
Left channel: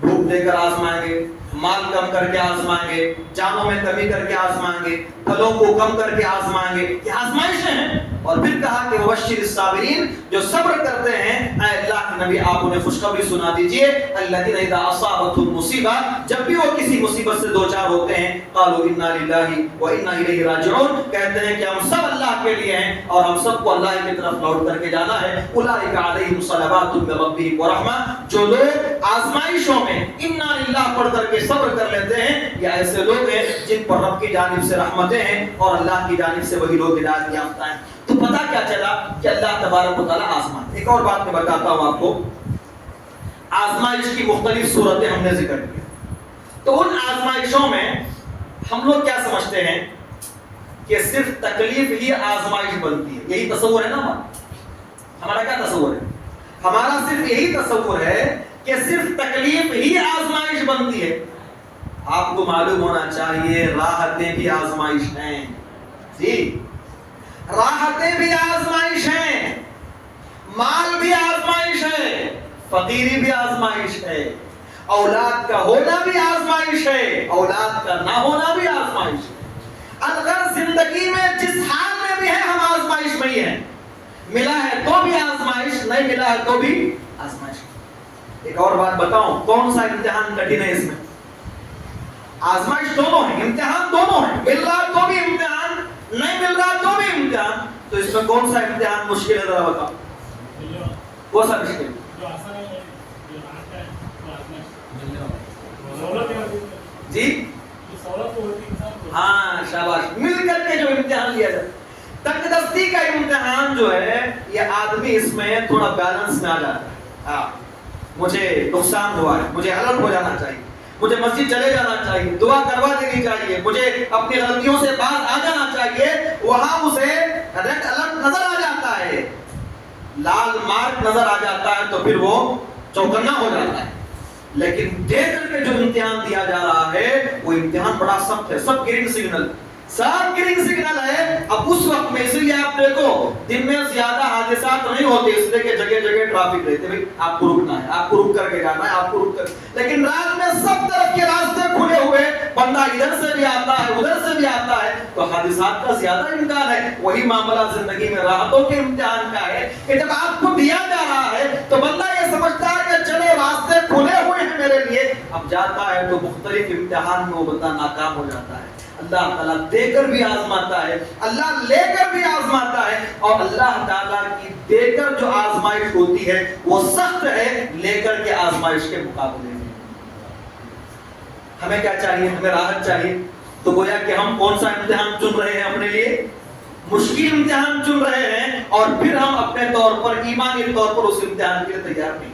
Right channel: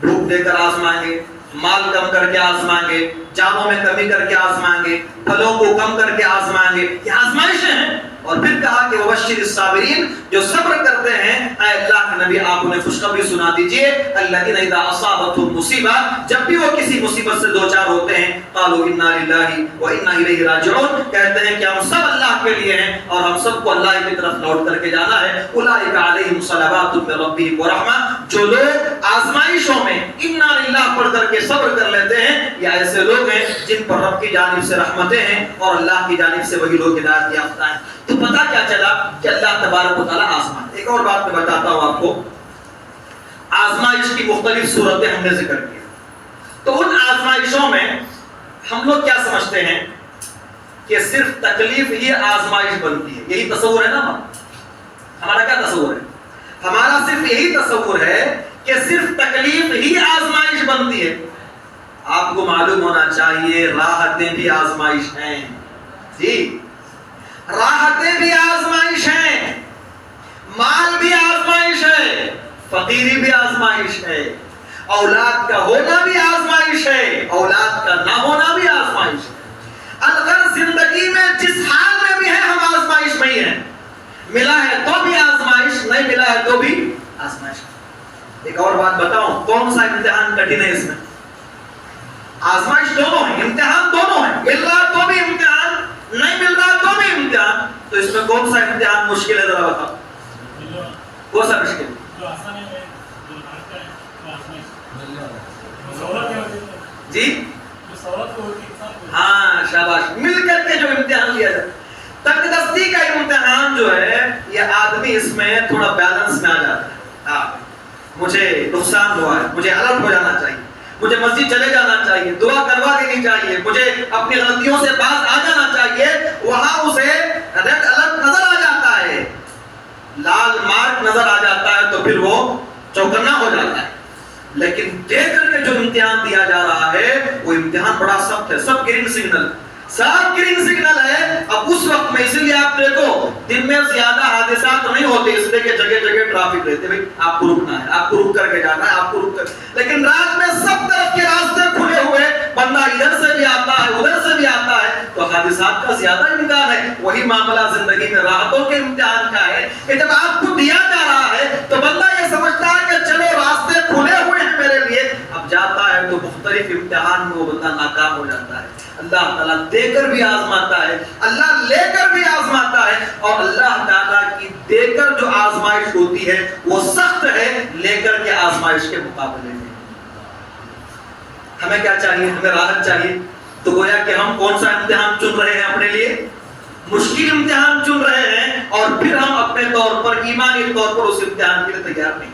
بھوک دے کر آزمائیں گے, مال کم کر کے آزمائیں گے, جانوں میں کمی کر کے آزمائیں گے, پھلوں کو کم کر کے آزمائیں گے. یہ آزمائشیں ہیں. اور پھر کہا کہ وبشر الصابرین, جو صبر کرتے ہیں. اے اللہ کے نبی آپ انہیں خوشخبری سنا دیجئے. الذین اذا اصابتهم مصیبہ, جب بھی وہ کسی مصیبت سے دوچار ہوتے ہیں, قالوا انا للہ وانا الیہ راجعون, کہتے ہیں کہ ہم سب اللہ کے لیے ہیں اور ہم سب کو اللہ کی طرف لوٹ کر کے جانا ہے. اولئک علیہم صلوات من ربہم ورحمہ, جو لوگ آزمائشوں میں انا للہ پڑھ کر کے صبر کر لیتے ہیں, یہ ایسے لوگ ہیں جن پر رب کی جانب سے رحمتیں ہیں اور اللہ کی جانب سے وہی لوگ ہدایت یافتہ ہیں. تو پتہ کیا چلا کہ اللہ تبارک و تعالیٰ آزمائے. ایک اور بات میں بتاتا ہوں آپ کو, آزمائش کی مختلف صورتیں ہم نے ذکر کی. تو ان آزمائشوں میں ہم لوگ کیا سمجھتے ہیں کہ صرف تکلیف ہی آزمائش بنتی ہے. یہی تصور ہے نا ہمارا. کیا تصور ہے ہمارا؟ صرف یہی تصور ہے کہ صرف تکلیف ہی آزمائش بنتی ہے. آپ کو معلوم ہونا چاہیے راحتیں بھی آزمائش ہیں. جی, راحتیں بھی آزمائش ہیں, مال بھی آزمائش ہے, فقیری بھی آزمائش ہے, اولاد کا ہونا بھی آزمائش ہے, اولاد کا نہ ہونا بھی آزمائش ہے. اگر زندگی میں جس حال میں بھی ہے ہم آزمائش میں ہی ہیں. ملا ہے تو بھی آزمائش, نہیں ملا ہے تو بھی آزمائش. ایک اور بات بتاؤں, کون سا امتحان کٹھن ہے اس میں؟ آزمائش دونوں ہیں, امتحان دونوں ہیں. مل رہا تو بھی امتحان, نہیں مل رہا تو بھی امتحان. تو اس میں کون سا امتحان مشکل ہے ذرا بتاؤ, کون سا مشکل؟ جی ہاں شاباش, مل کر کے جو امتحان لیا جائے. تنگ دستی کا امتحان جو ہے یہ آدمی اس میں تھوڑا بیلنس میں آ جاتا ہے. ہاں مجھے نقصان ہوا ہے, مجھے الرٹ ہو جانا چاہیے, مجھے مسجد چلے جانا چاہیے, دعا کروا دینی چاہیے, مجھے اپنی غلطیوں سے باز آ جانا چاہیے. وہاں اسے ریڈ الرٹ نظر آ جاتا ہے, لال مارک نظر آ جاتا ہے, تو پھر وہ چوکنا ہو جاتا ہے. لیکن دیکھ کر کے جو امتحان دیا جا رہا ہے وہ امتحان بڑا سخت ہے. سب گرین سگنل, سب گرین سگنل ہے. اب اس وقت میں, اسی لیے آپ دیکھو دن میں زیادہ حادثات نہیں ہوتے, اس لیے کہ جگہ جگہ ٹریفک رہتے. بھائی آپ کو رکنا ہے, آپ کو رک کر کے جانا ہے, آپ کو رک کر. لیکن رات میں سب طرف کے راستے کھلے ہوئے, بندہ ادھر سے بھی آتا ہے, ادھر سے بھی آتا ہے, تو حادثات کا زیادہ امکان ہے. وہی معاملہ زندگی میں راحتوں کے امتحان کا ہے کہ جب آپ کو دیا جا رہا ہے تو بندہ یہ سمجھتا ہے کہ چلو راستے کھلے ہوئے ہیں میرے لیے. اب جاتا ہے تو مختلف امتحان میں وہ بندہ ناکام ہو جاتا ہے. اللہ تعالیٰ دے کر بھی آزماتا ہے, اللہ لے کر بھی آزماتا ہے. اور اللہ تعالیٰ کی دے کر جو آزمائش ہوتی ہے وہ سخت ہے لے کر کے آزمائش کے مقابلے میں. ہمیں کیا چاہیے؟ ہمیں راحت چاہیے. تو گویا کہ ہم کون سا امتحان چن رہے ہیں اپنے لیے؟ مشکل امتحان چن رہے ہیں, اور پھر ہم اپنے طور پر ایمانی طور پر اس امتحان کے لیے تیار نہیں.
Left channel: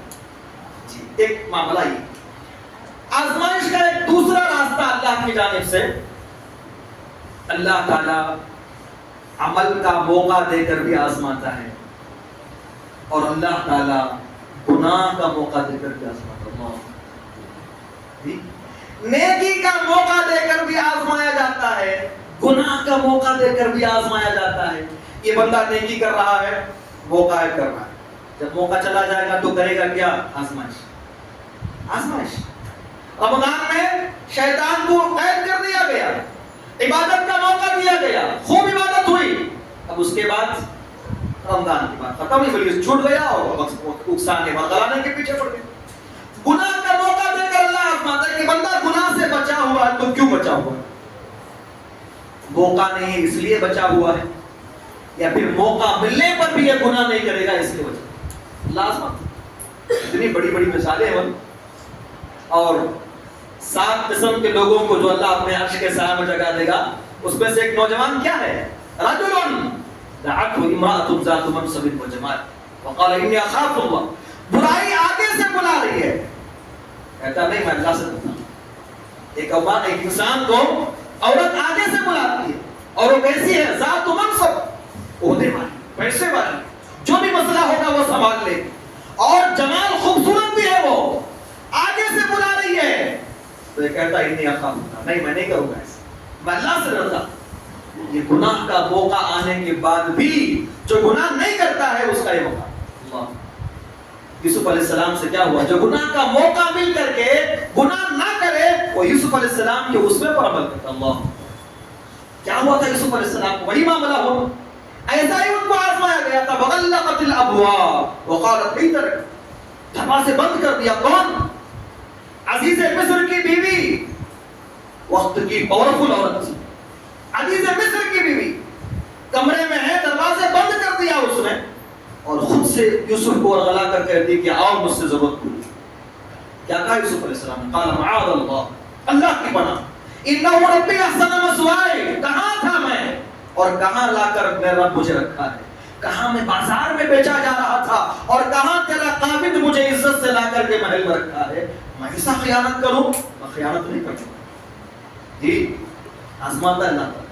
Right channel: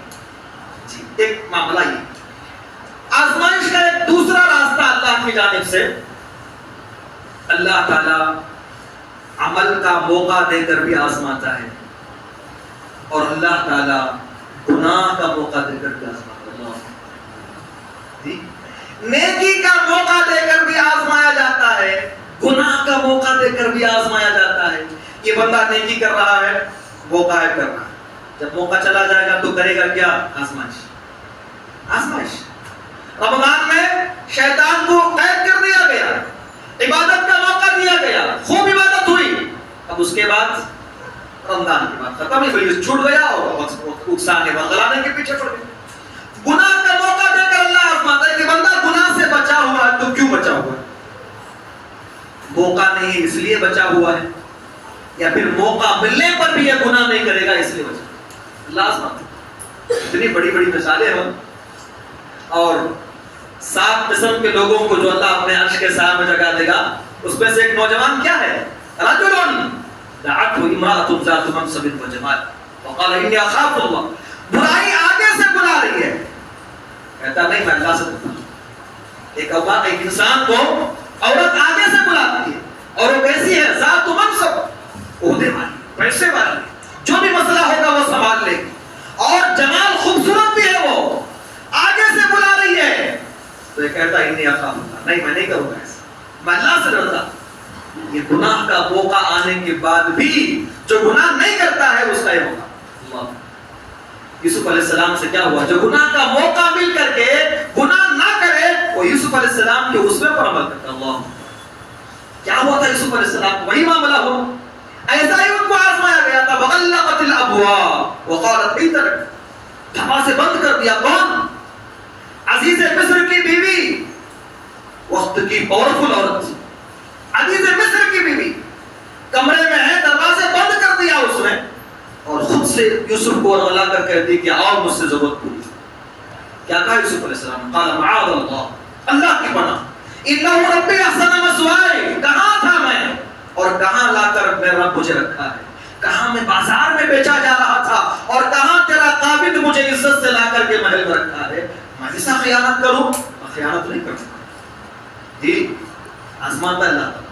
جی, ایک معاملہ یہ. آزمائش کا ایک دوسرا راستہ اللہ کی جانب سے, اللہ تعالیٰ عمل کا موقع دے کر بھی آزماتا ہے, اور اللہ تعالیٰ گناہ کا موقع دے کر بھی آزماتا ہے. نیکی کا موقع دے کر بھی آزمایا جاتا ہے, گناہ کا موقع دے کر بھی آزمایا جاتا ہے. یہ بندہ نیکی کر رہا ہے, موقع ہے کر رہا ہے, جب موقع چلا جائے گا تو کرے گا کیا؟ آزمائش. آزمائش. رمضان میں شیطان کو قید کر دیا گیا, عبادت کا موقع دیا گیا, خوب عبادت ہوئی. اب اس کے بعد رمضان کی بات ختم ہوئی, چھوٹ گیا اور اکسانے بغلانے کے پیچھے پڑ گئے. گناہ کا موقع دے کر اللہ آزماتا ہے کہ بندہ گناہ سے بچا ہوا ہے, تو کیوں بچا ہوا ہے؟ موقع نہیں اس لیے بچا ہوا ہے, یا پھر موقع ملنے پر بھی یہ گناہ نہیں کرے گا اس لیے بچا. اللہ آزماتا. اتنی بڑی بڑی مثالیں ہوں, اور 7 قسم کے لوگوں کو جو اللہ اپنے عرش کے سایہ میں جگہ دے گا, اس میں سے ایک نوجوان کیا ہے؟ رجل دعته امرأة ذات منصب وجمال وقال انی اخاف اللہ. برائی آگے سے بلا رہی ہے، کہتا نہیں میں اللہ سے ڈرتا ہوں. ایک انسان کو عورت آگے سے بلاتی ہے اور وہ کیسی ہے؟ ذات منصب، عہدے والی، پیسے والی، جو بھی مسئلہ ہوگا وہ سنبھال لے گی، اور جمال خوبصورت بھی ہے، وہ آگے سے بلا رہی ہے. تو یہ کہتا ہے انی اخاف اللہ، نہیں میں نہیں کروں گا ایسا، میں اللہ سے ڈرتا ہوں. یہ گناہ کا موقع آنے کے بعد بھی جو گناہ نہیں کرتا ہے اس کا یہ موقع. اللہ یوسف علیہ السلام سے کیا ہوا؟ جو گناہ کا موقع مل کر کے گناہ نہ کرے وہ یوسف علیہ السلام کے اسوے پر عمل کرتا. اللہ کیا ہوا تھا یوسف علیہ السلام کو؟ وہی معاملہ ہوا، ایسا ہی ان کو آزمایا گیا تھا. وغلقت الابواب وقالت ائتر، دروازے بند کر دیا. کون؟ عزیز مصر کی بیوی، وقت کی پاورفل عورت، عزیز مصر کی بیوی کمرے میں ہے، دروازے بند کر دیا اس نے، اور خود سے یوسف کو ورغلا کر کہتی کہ آؤ مجھ سے ضرورت پوری. کیا کہا یوسف علیہ السلام؟ قال معاذ اللہ، اللہ کی پناہ، انہ ربی احسن مثوایا، کہاں تھا میں اور کہاں لا کر میرا رب مجھے رکھا ہے، کہاں میں بازار میں بیچا جا رہا تھا اور کہاں تیرا قابض مجھے عزت سے لا کر کے محل میں رکھا ہے. میں ایسا خیانت کروں؟ میں خیانت نہیں کرتا. جی آزماتا اللہ تعالیٰ.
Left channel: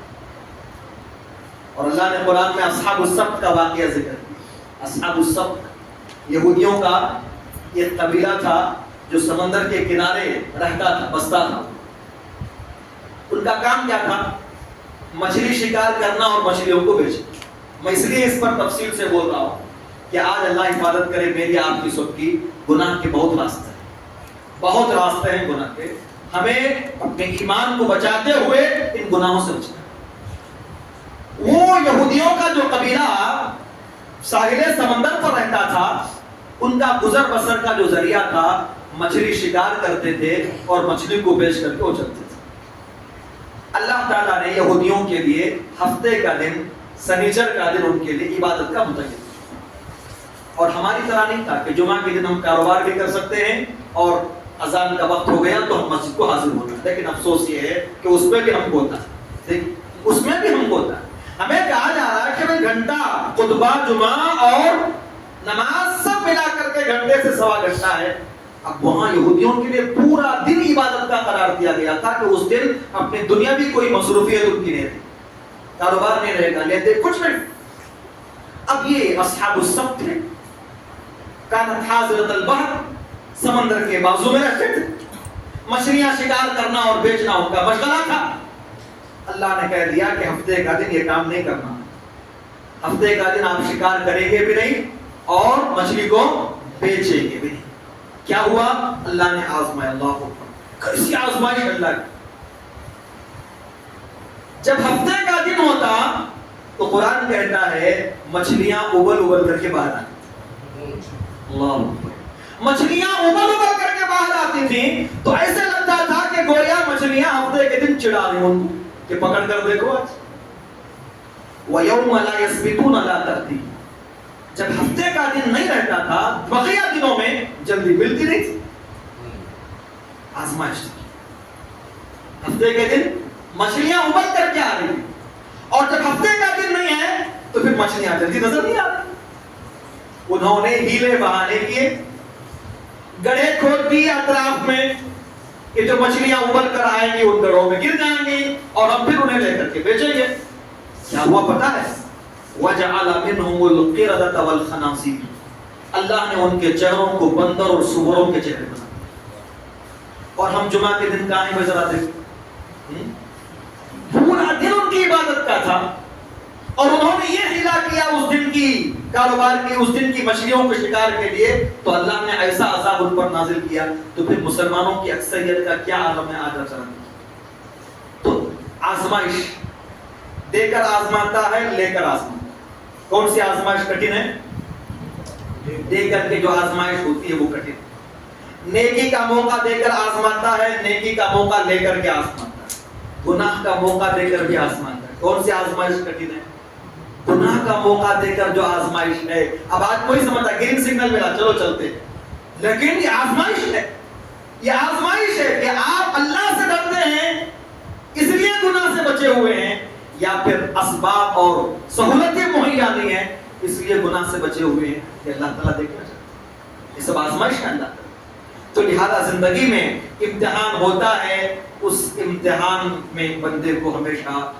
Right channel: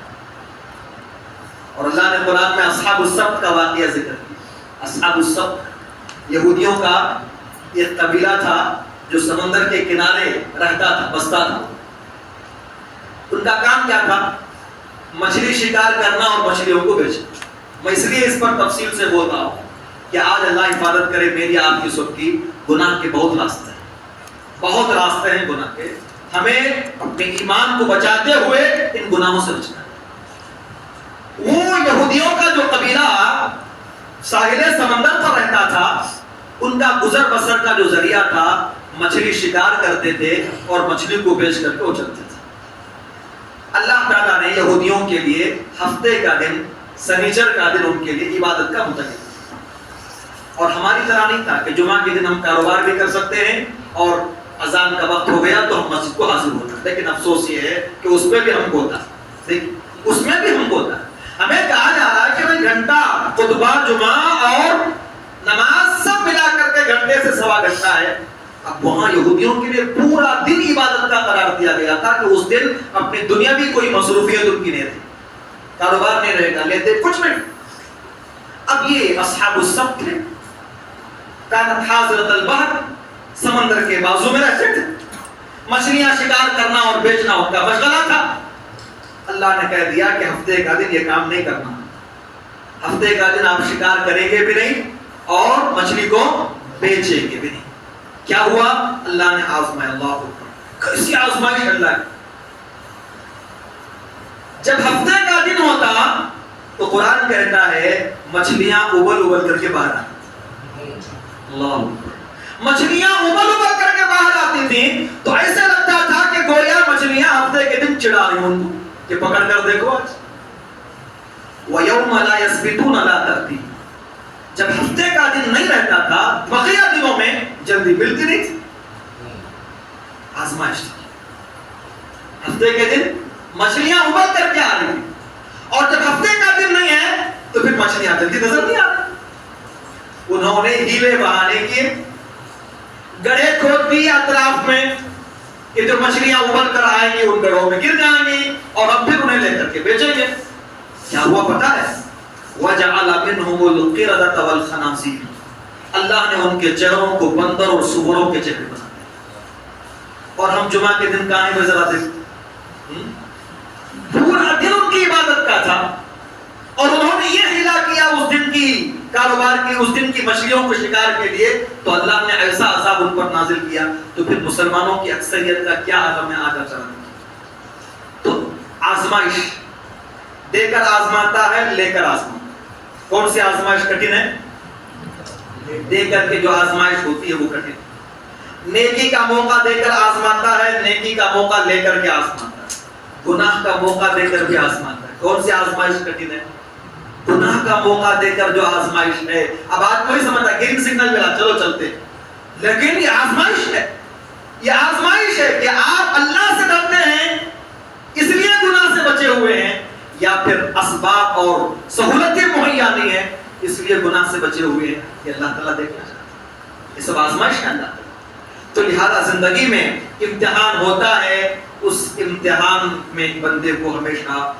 اور اللہ نے قرآن میں اصحاب السبت کا واقعہ ذکر کیا. اصحاب السبت یہودیوں کا ایک قبیلہ تھا جو سمندر کے کنارے رہتا تھا، بستا تھا. ان کا کام کیا تھا؟ مچھلی شکار کرنا اور مچھلیوں کو بیچنا. میں اس لیے اس پر تفصیل سے بول رہا ہوں کہ آج اللہ حفاظت کرے میری آپ کی سب کی، گناہ کے بہت راستے ہیں، بہت راستے ہیں گناہ کے. ہمیں اپنے ایمان کو بچاتے ہوئے ان گناہوں سے بچنا. وہ یہودیوں کا جو قبیلہ ساحل سمندر پر رہتا تھا، ان کا گزر بسر کا جو ذریعہ تھا مچھلی شکار کرتے تھے اور مچھلی کو بیچ کر کے وہ چلتے تھے. اللہ تعالیٰ نے یہودیوں کے لیے ہفتے کا دن، سنیچر کا دن ان کے لیے عبادت کا متعین کیا. اور ہماری طرح نہیں تھا کہ جمعہ کے دن ہم کاروبار بھی کر سکتے ہیں اور اذان کا وقت ہو گیا تو ہم مسجد کو حاضر ہونا. لیکن افسوس یہ ہے کہ اس میں بھی ہم کوتا، اس میں بھی ہم کوتا. ہمیں کہا جا رہا ہے کہ میں گھنٹہ خطبہ جمعہ اور نماز سب ملا کر کے گھنٹے سے سوا گھنٹہ ہے. اب وہاں یہودیوں کے لیے پورا دن عبادت کا قرار دیا گیا تھا کہ اس دن اپنی دنیا بھی کوئی مصروفیت ان کی نہیں تھی، کاروبار نہیں رہے گا، لیتے کچھ نہیں. اب یہ اصحاب السبت تھے، کانت حاضرۃ البحر، سمندر کے بازو میں رہتے تھے، مچھلیاں شکار کرنا اور بیچنا ان کا مشغلہ تھا. اللہ نے کہہ دیا کہ ہفتے کا دن یہ کام نہیں کرنا، ہفتے کا دن آپ شکار کریں گے بھی نہیں اور مچھلی کو بیچیں گے بھی نہیں. کیا ہوا؟ اللہ نے آزمایا. اللہ اکبر، کیسی آزمائش اللہ کی. جب ہفتے کا دن ہوتا تو قرآن کہتا ہے مچھلیاں ابل ابل کر کے باہر آتی. اللہ اکبر، مچھلیاں ابل ابل کر کے باہر آتی تھیں تو ایسے لگتا تھا کہ گویا مچھلیاں ہفتے کے دن چڑھا رہی ہوں کہ پکڑ کر دیکھو آج. وَيَوْمَ لَا يَسْبِتُونَ لَا تَرْتِيبٌ، جب ہفتے کا دن نہیں رہتا تھا بقیہ دنوں میں جلدی ملتی نہیں تھی. آزمائش تھی. ہفتے کے دن مچھلیاں ابل کر کے آ رہی تھی اور جب ہفتے کا دن نہیں ہے تو پھر مچھلیاں جلدی نظر نہیں آ رہی. انہوں نے ہیلے بہانے کیے، گڑھے کھود دیے اطراف میں کہ جو مچھلیاں ابل کر آئیں گی ان گڑھوں میں گر جائیں گی اور ہم پھر انہیں لے کر کے بیچیں گے. کیا ہوا پتہ ہے؟ وَجَعَلَ مِنْهُمُ الْقِرَدَةَ وَالْخَنَازِيرَ، اللہ نے ان کے چہروں کو بندر اور سوروں کے چہرے بنا دیا. اور ہم جمعہ کے دن کہاں ہیں ذرا دیکھ، پورا دن ان کی عبادت کا تھا اور انہوں نے یہ ہلا کیا اس دن کی کاروبار کی، اس دن کی مچھلیوں کو شکار کے لیے، تو اللہ نے ایسا عذاب ان پر نازل کیا. تو پھر مسلمانوں کی اکثریت کا کیا عالم ہے آج اچانک. تو آزمائش دے کر آزماتا ہے، لے کر آزماتا. کون سی آزمائش کٹھن ہے؟ دے کر کے جو آزمائش ہوتی ہے وہ کٹھن. نیکی کا موقع دے کر آزماتا ہے، نیکی کا موقع لے کر کے آزماتا ہے. گناہ کا موقع دے کر بھی آزماتا ہے. کون سی آزمائش کٹھن ہے؟ گناہ کا موقع دے کر جو آزمائش ہے. اب آج کوئی سمجھتا گرین سگنل ملا چلو چلتے، لیکن یہ آزمائش ہے. یہ آزمائش ہے کہ آپ اللہ سے ڈرتے ہیں اس لیے گناہ سے بچے ہوئے ہیں، یا پھر اسباب اور سہولتیں مہیا نہیں ہیں اس لیے گناہ سے بچے ہوئے ہیں، یہ اللہ تعالیٰ دیکھنا چاہتا ہے، یہ سب آزمائش ہے اللہ تعالیٰ۔ تو لہذا زندگی میں امتحان ہوتا ہے، اس امتحان میں بندے کو ہمیشہ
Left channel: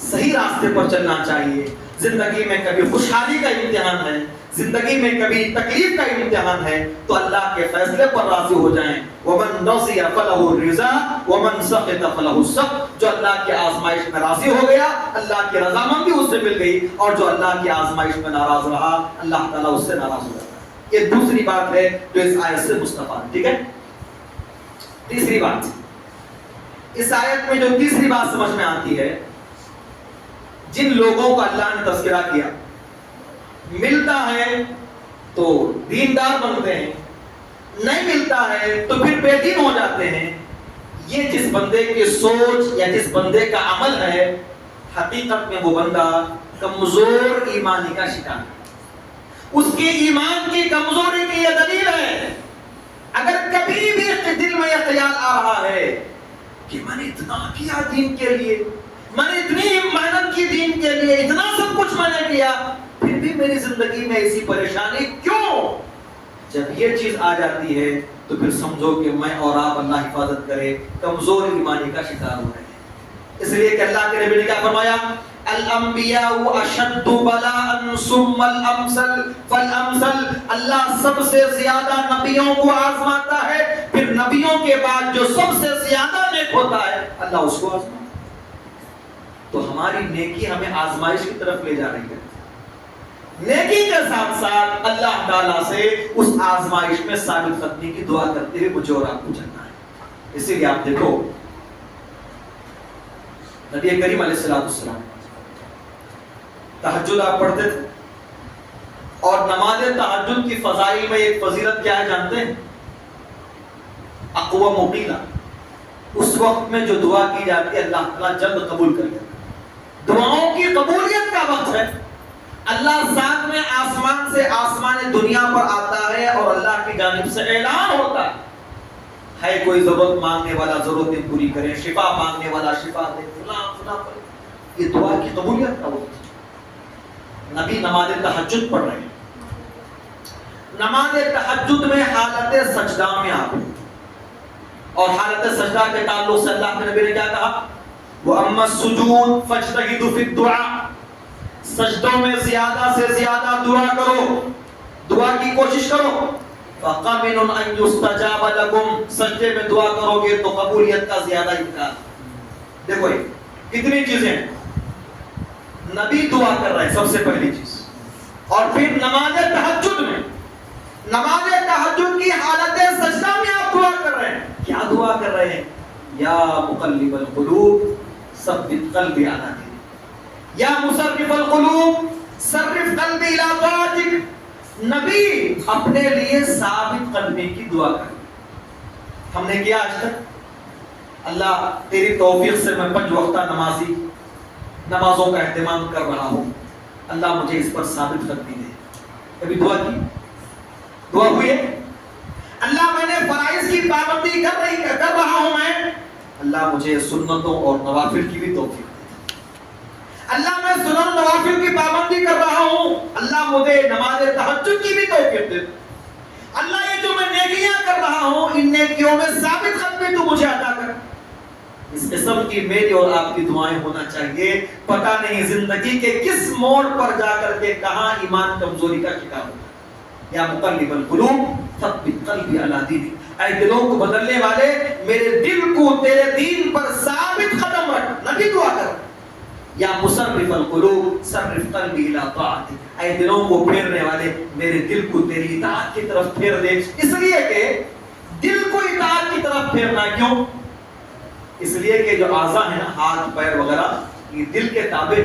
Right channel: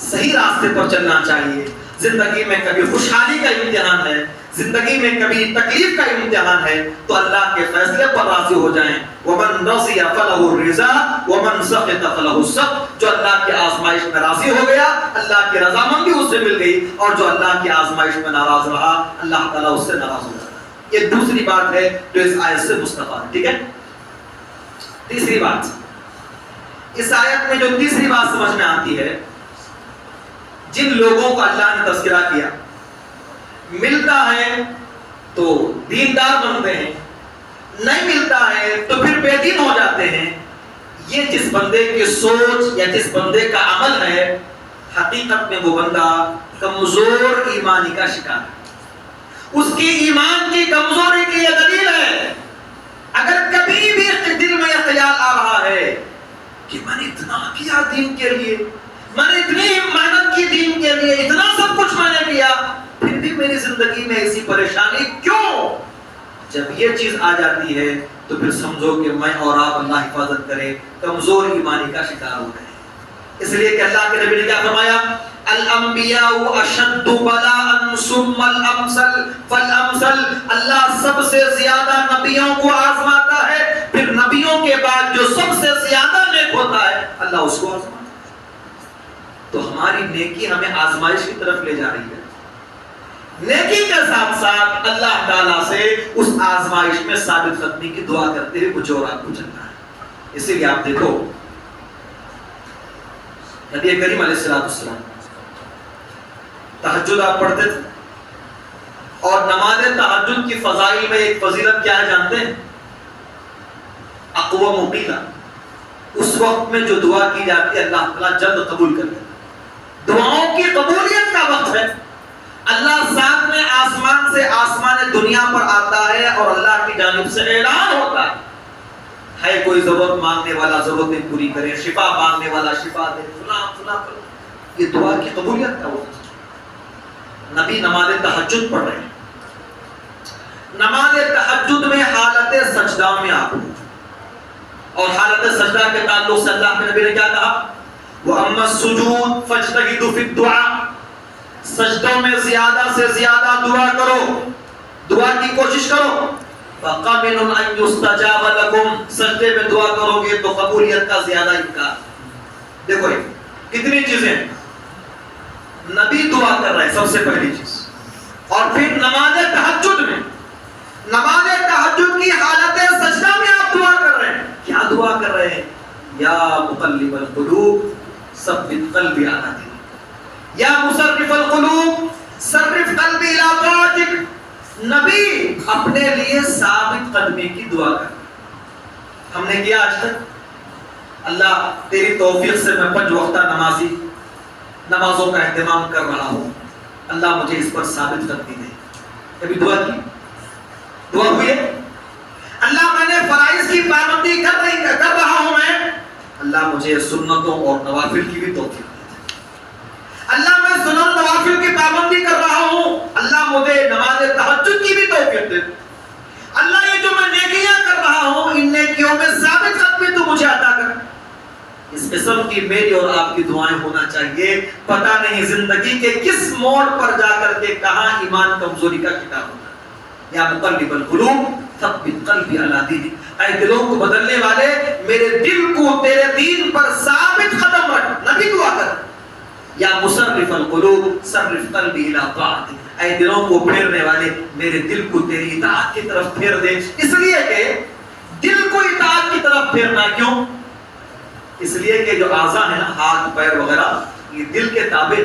صحیح راستے پر چلنا چاہیے۔ زندگی میں کبھی خوشحالی کا امتحان ہے، زندگی میں کبھی تکلیف کا امتحان ہے، تو اللہ کے فیصلے پر راضی ہو جائیں۔ وَمَن رَضِيَ فَلَهُ الرِّضَا وَمَن سَخِطَ فَلَهُ السَّخْطُ، جو اللہ کی آزمائش میں راضی ہو گیا اللہ کی رضامندی اس سے مل گئی، اور جو اللہ کی آزمائش میں ناراض رہا اللہ تعالیٰ اس سے ناراض ہو جاتا ہے۔ یہ دوسری بات ہے جو اس آیت سے مستفاد ہے، ٹھیک ہے۔ تیسری بات، اس آیت میں جو تیسری بات سمجھ میں آتی ہے، جن لوگوں کا اللہ نے تذکرہ کیا، ملتا ہے تو دیندار بنتے ہیں، نہیں ملتا ہے تو پھر بے دین ہو جاتے ہیں، یہ جس بندے کی سوچ یا جس بندے کا عمل ہے، حقیقت میں وہ بندہ کمزور ایمانی کا شکار ہے۔ اس کی ایمان کی کمزوری کی یہ دلیل ہے۔ اگر کبھی بھی دل میں یہ خیال آ رہا ہے کہ میں نے اتنا کیا دین کے لیے، میں نے اتنی محنت کی دین کے لیے، اتنا سب کچھ میں نے کیا، پھر بھی میری زندگی میں ایسی پریشانی کیوں؟ جب یہ چیز آ جاتی ہے تو پھر سمجھو کہ میں اور آپ، اللہ حفاظت کرے، کمزور ایمانی کا شکار ہو گئے۔ اس لیے کہ اللہ کے نبی نے کیا فرمایا؟ الانبیاء اشد بلاء ثم الامثل فالامثل، اللہ سب سے زیادہ نبیوں کو آزماتا ہے، پھر نبیوں کے بعد جو سب سے زیادہ نیک ہوتا ہے اللہ اس کو آزماتا ہے۔ تو ہماری نیکی ہمیں آزمائش کی طرف لے جا رہی ہے، نیکی کے ساتھ ساتھ اللہ تعالیٰ سے اس آزمائش میں ثابت قدمی کی دعا کرتے ہوئے مجھے اور آپ کو چلنا ہے۔ اسی لیے آپ دیکھو نبی کریم علیہ السلام تہجد آپ پڑھتے تھے، اور نماز تہجد کی فضائل میں ایک فضیلت کیا ہے جانتے ہیں؟ اقوام مقیلہ، اس وقت میں جو دعا کی جاتی ہے اللہ تعالیٰ جلد قبول کر لیتا ہے، دعاؤں کی قبولیت کا وقت ہے۔ اللہ ساتھ میں آسمان سے آسمان دنیا پر آتا ہے اور اللہ کی جانب سے اعلان ہوتا ہے کوئی ضرورت مانگنے والا ضرورتیں پوری کرے، شفا مانگنے والا شفا دے، فلاں فلاں فلاں۔ یہ دعا کی قبولیت کا وقت ہے۔ نبی نماز تہجد پڑھ رہے ہیں، نماز تہجد میں حالت سجدہ میں آپ، اور حالت سجدہ کے تعلق سے اللہ کے نبی نے کیا کہا؟ وَأَمَّا السُّجُودُ فَاجْتَهِدُوا فِي الدُّعَاءِ، سجدوں میں زیادہ سے زیادہ دعا کرو، دعا کی کوشش کرو۔ فَقَمِنٌ أَن يُسْتَجَابَ لَكُمْ، سجدے میں دعا کرو گے تو قبولیت کا زیادہ امکان۔ دیکھو کتنی چیزیں، نبی دعا کر رہے ہیں سب سے پہلی چیز، اور پھر نماز تہجد میں، نماز تہجد کی حالت سجدہ میں آپ دعا کر رہے ہیں۔ کیا دعا کر رہے ہیں؟ یا مقلب القلوب ثبت قلبی علی دینک، یا مصرف القلوب صرف قلبی الی طاعتک۔ نبی اپنے لیے ثابت قدمی کی دعا کر رہے ہیں۔ ہم نے کیا آج تک؟ اللہ تیری توفیق سے میں 5 وقتہ نمازی، نمازوں کا اہتمام کر رہا ہوں، اللہ مجھے اس پر ثابت قدمی دے۔ کبھی دعا کی؟ دعا ہوئی ہے؟ اللہ میں نے فرائض کی پابندی کر رہا ہوں، میں اللہ مجھے سنتوں اور نوافل کی بھی توفیق دے۔ اللہ میں سنن و نوافل کی پابندی کر رہا ہوں، اللہ مجھے نماز تہجد کی بھی توفیق دے۔ اللہ یہ جو میں نیکیاں کر رہا ہوں ان نیکیوں میں ثابت قدمی تو مجھے عطا کر۔ اس قسم کی میری اور آپ کی دعائیں ہونا چاہیے۔ پتہ نہیں زندگی کے کس موڑ پر جا کر کے کہاں ایمان کمزوری کا شکار ہوتا ہے۔ یا مقلب القلوب ثبت قلبی علی دینک، اے دلوں کو بدلنے والے میرے دل کو تیرے دین پر ثابت قدم رکھ۔ نبی دعا کر۔ یا مصرف القلوب صرف قلبی الی طاعتک، اے دلوں کو پھیرنے والے میرے دل کو تیری اطاعت کی طرف پھیر دے۔ اس لیے کہ دل کو اطاعت کی طرف پھیرنا کیوں؟ اس لیے کہ جو اعضاء ہیں نا، ہاتھ پیر وغیرہ، یہ دل کے تابع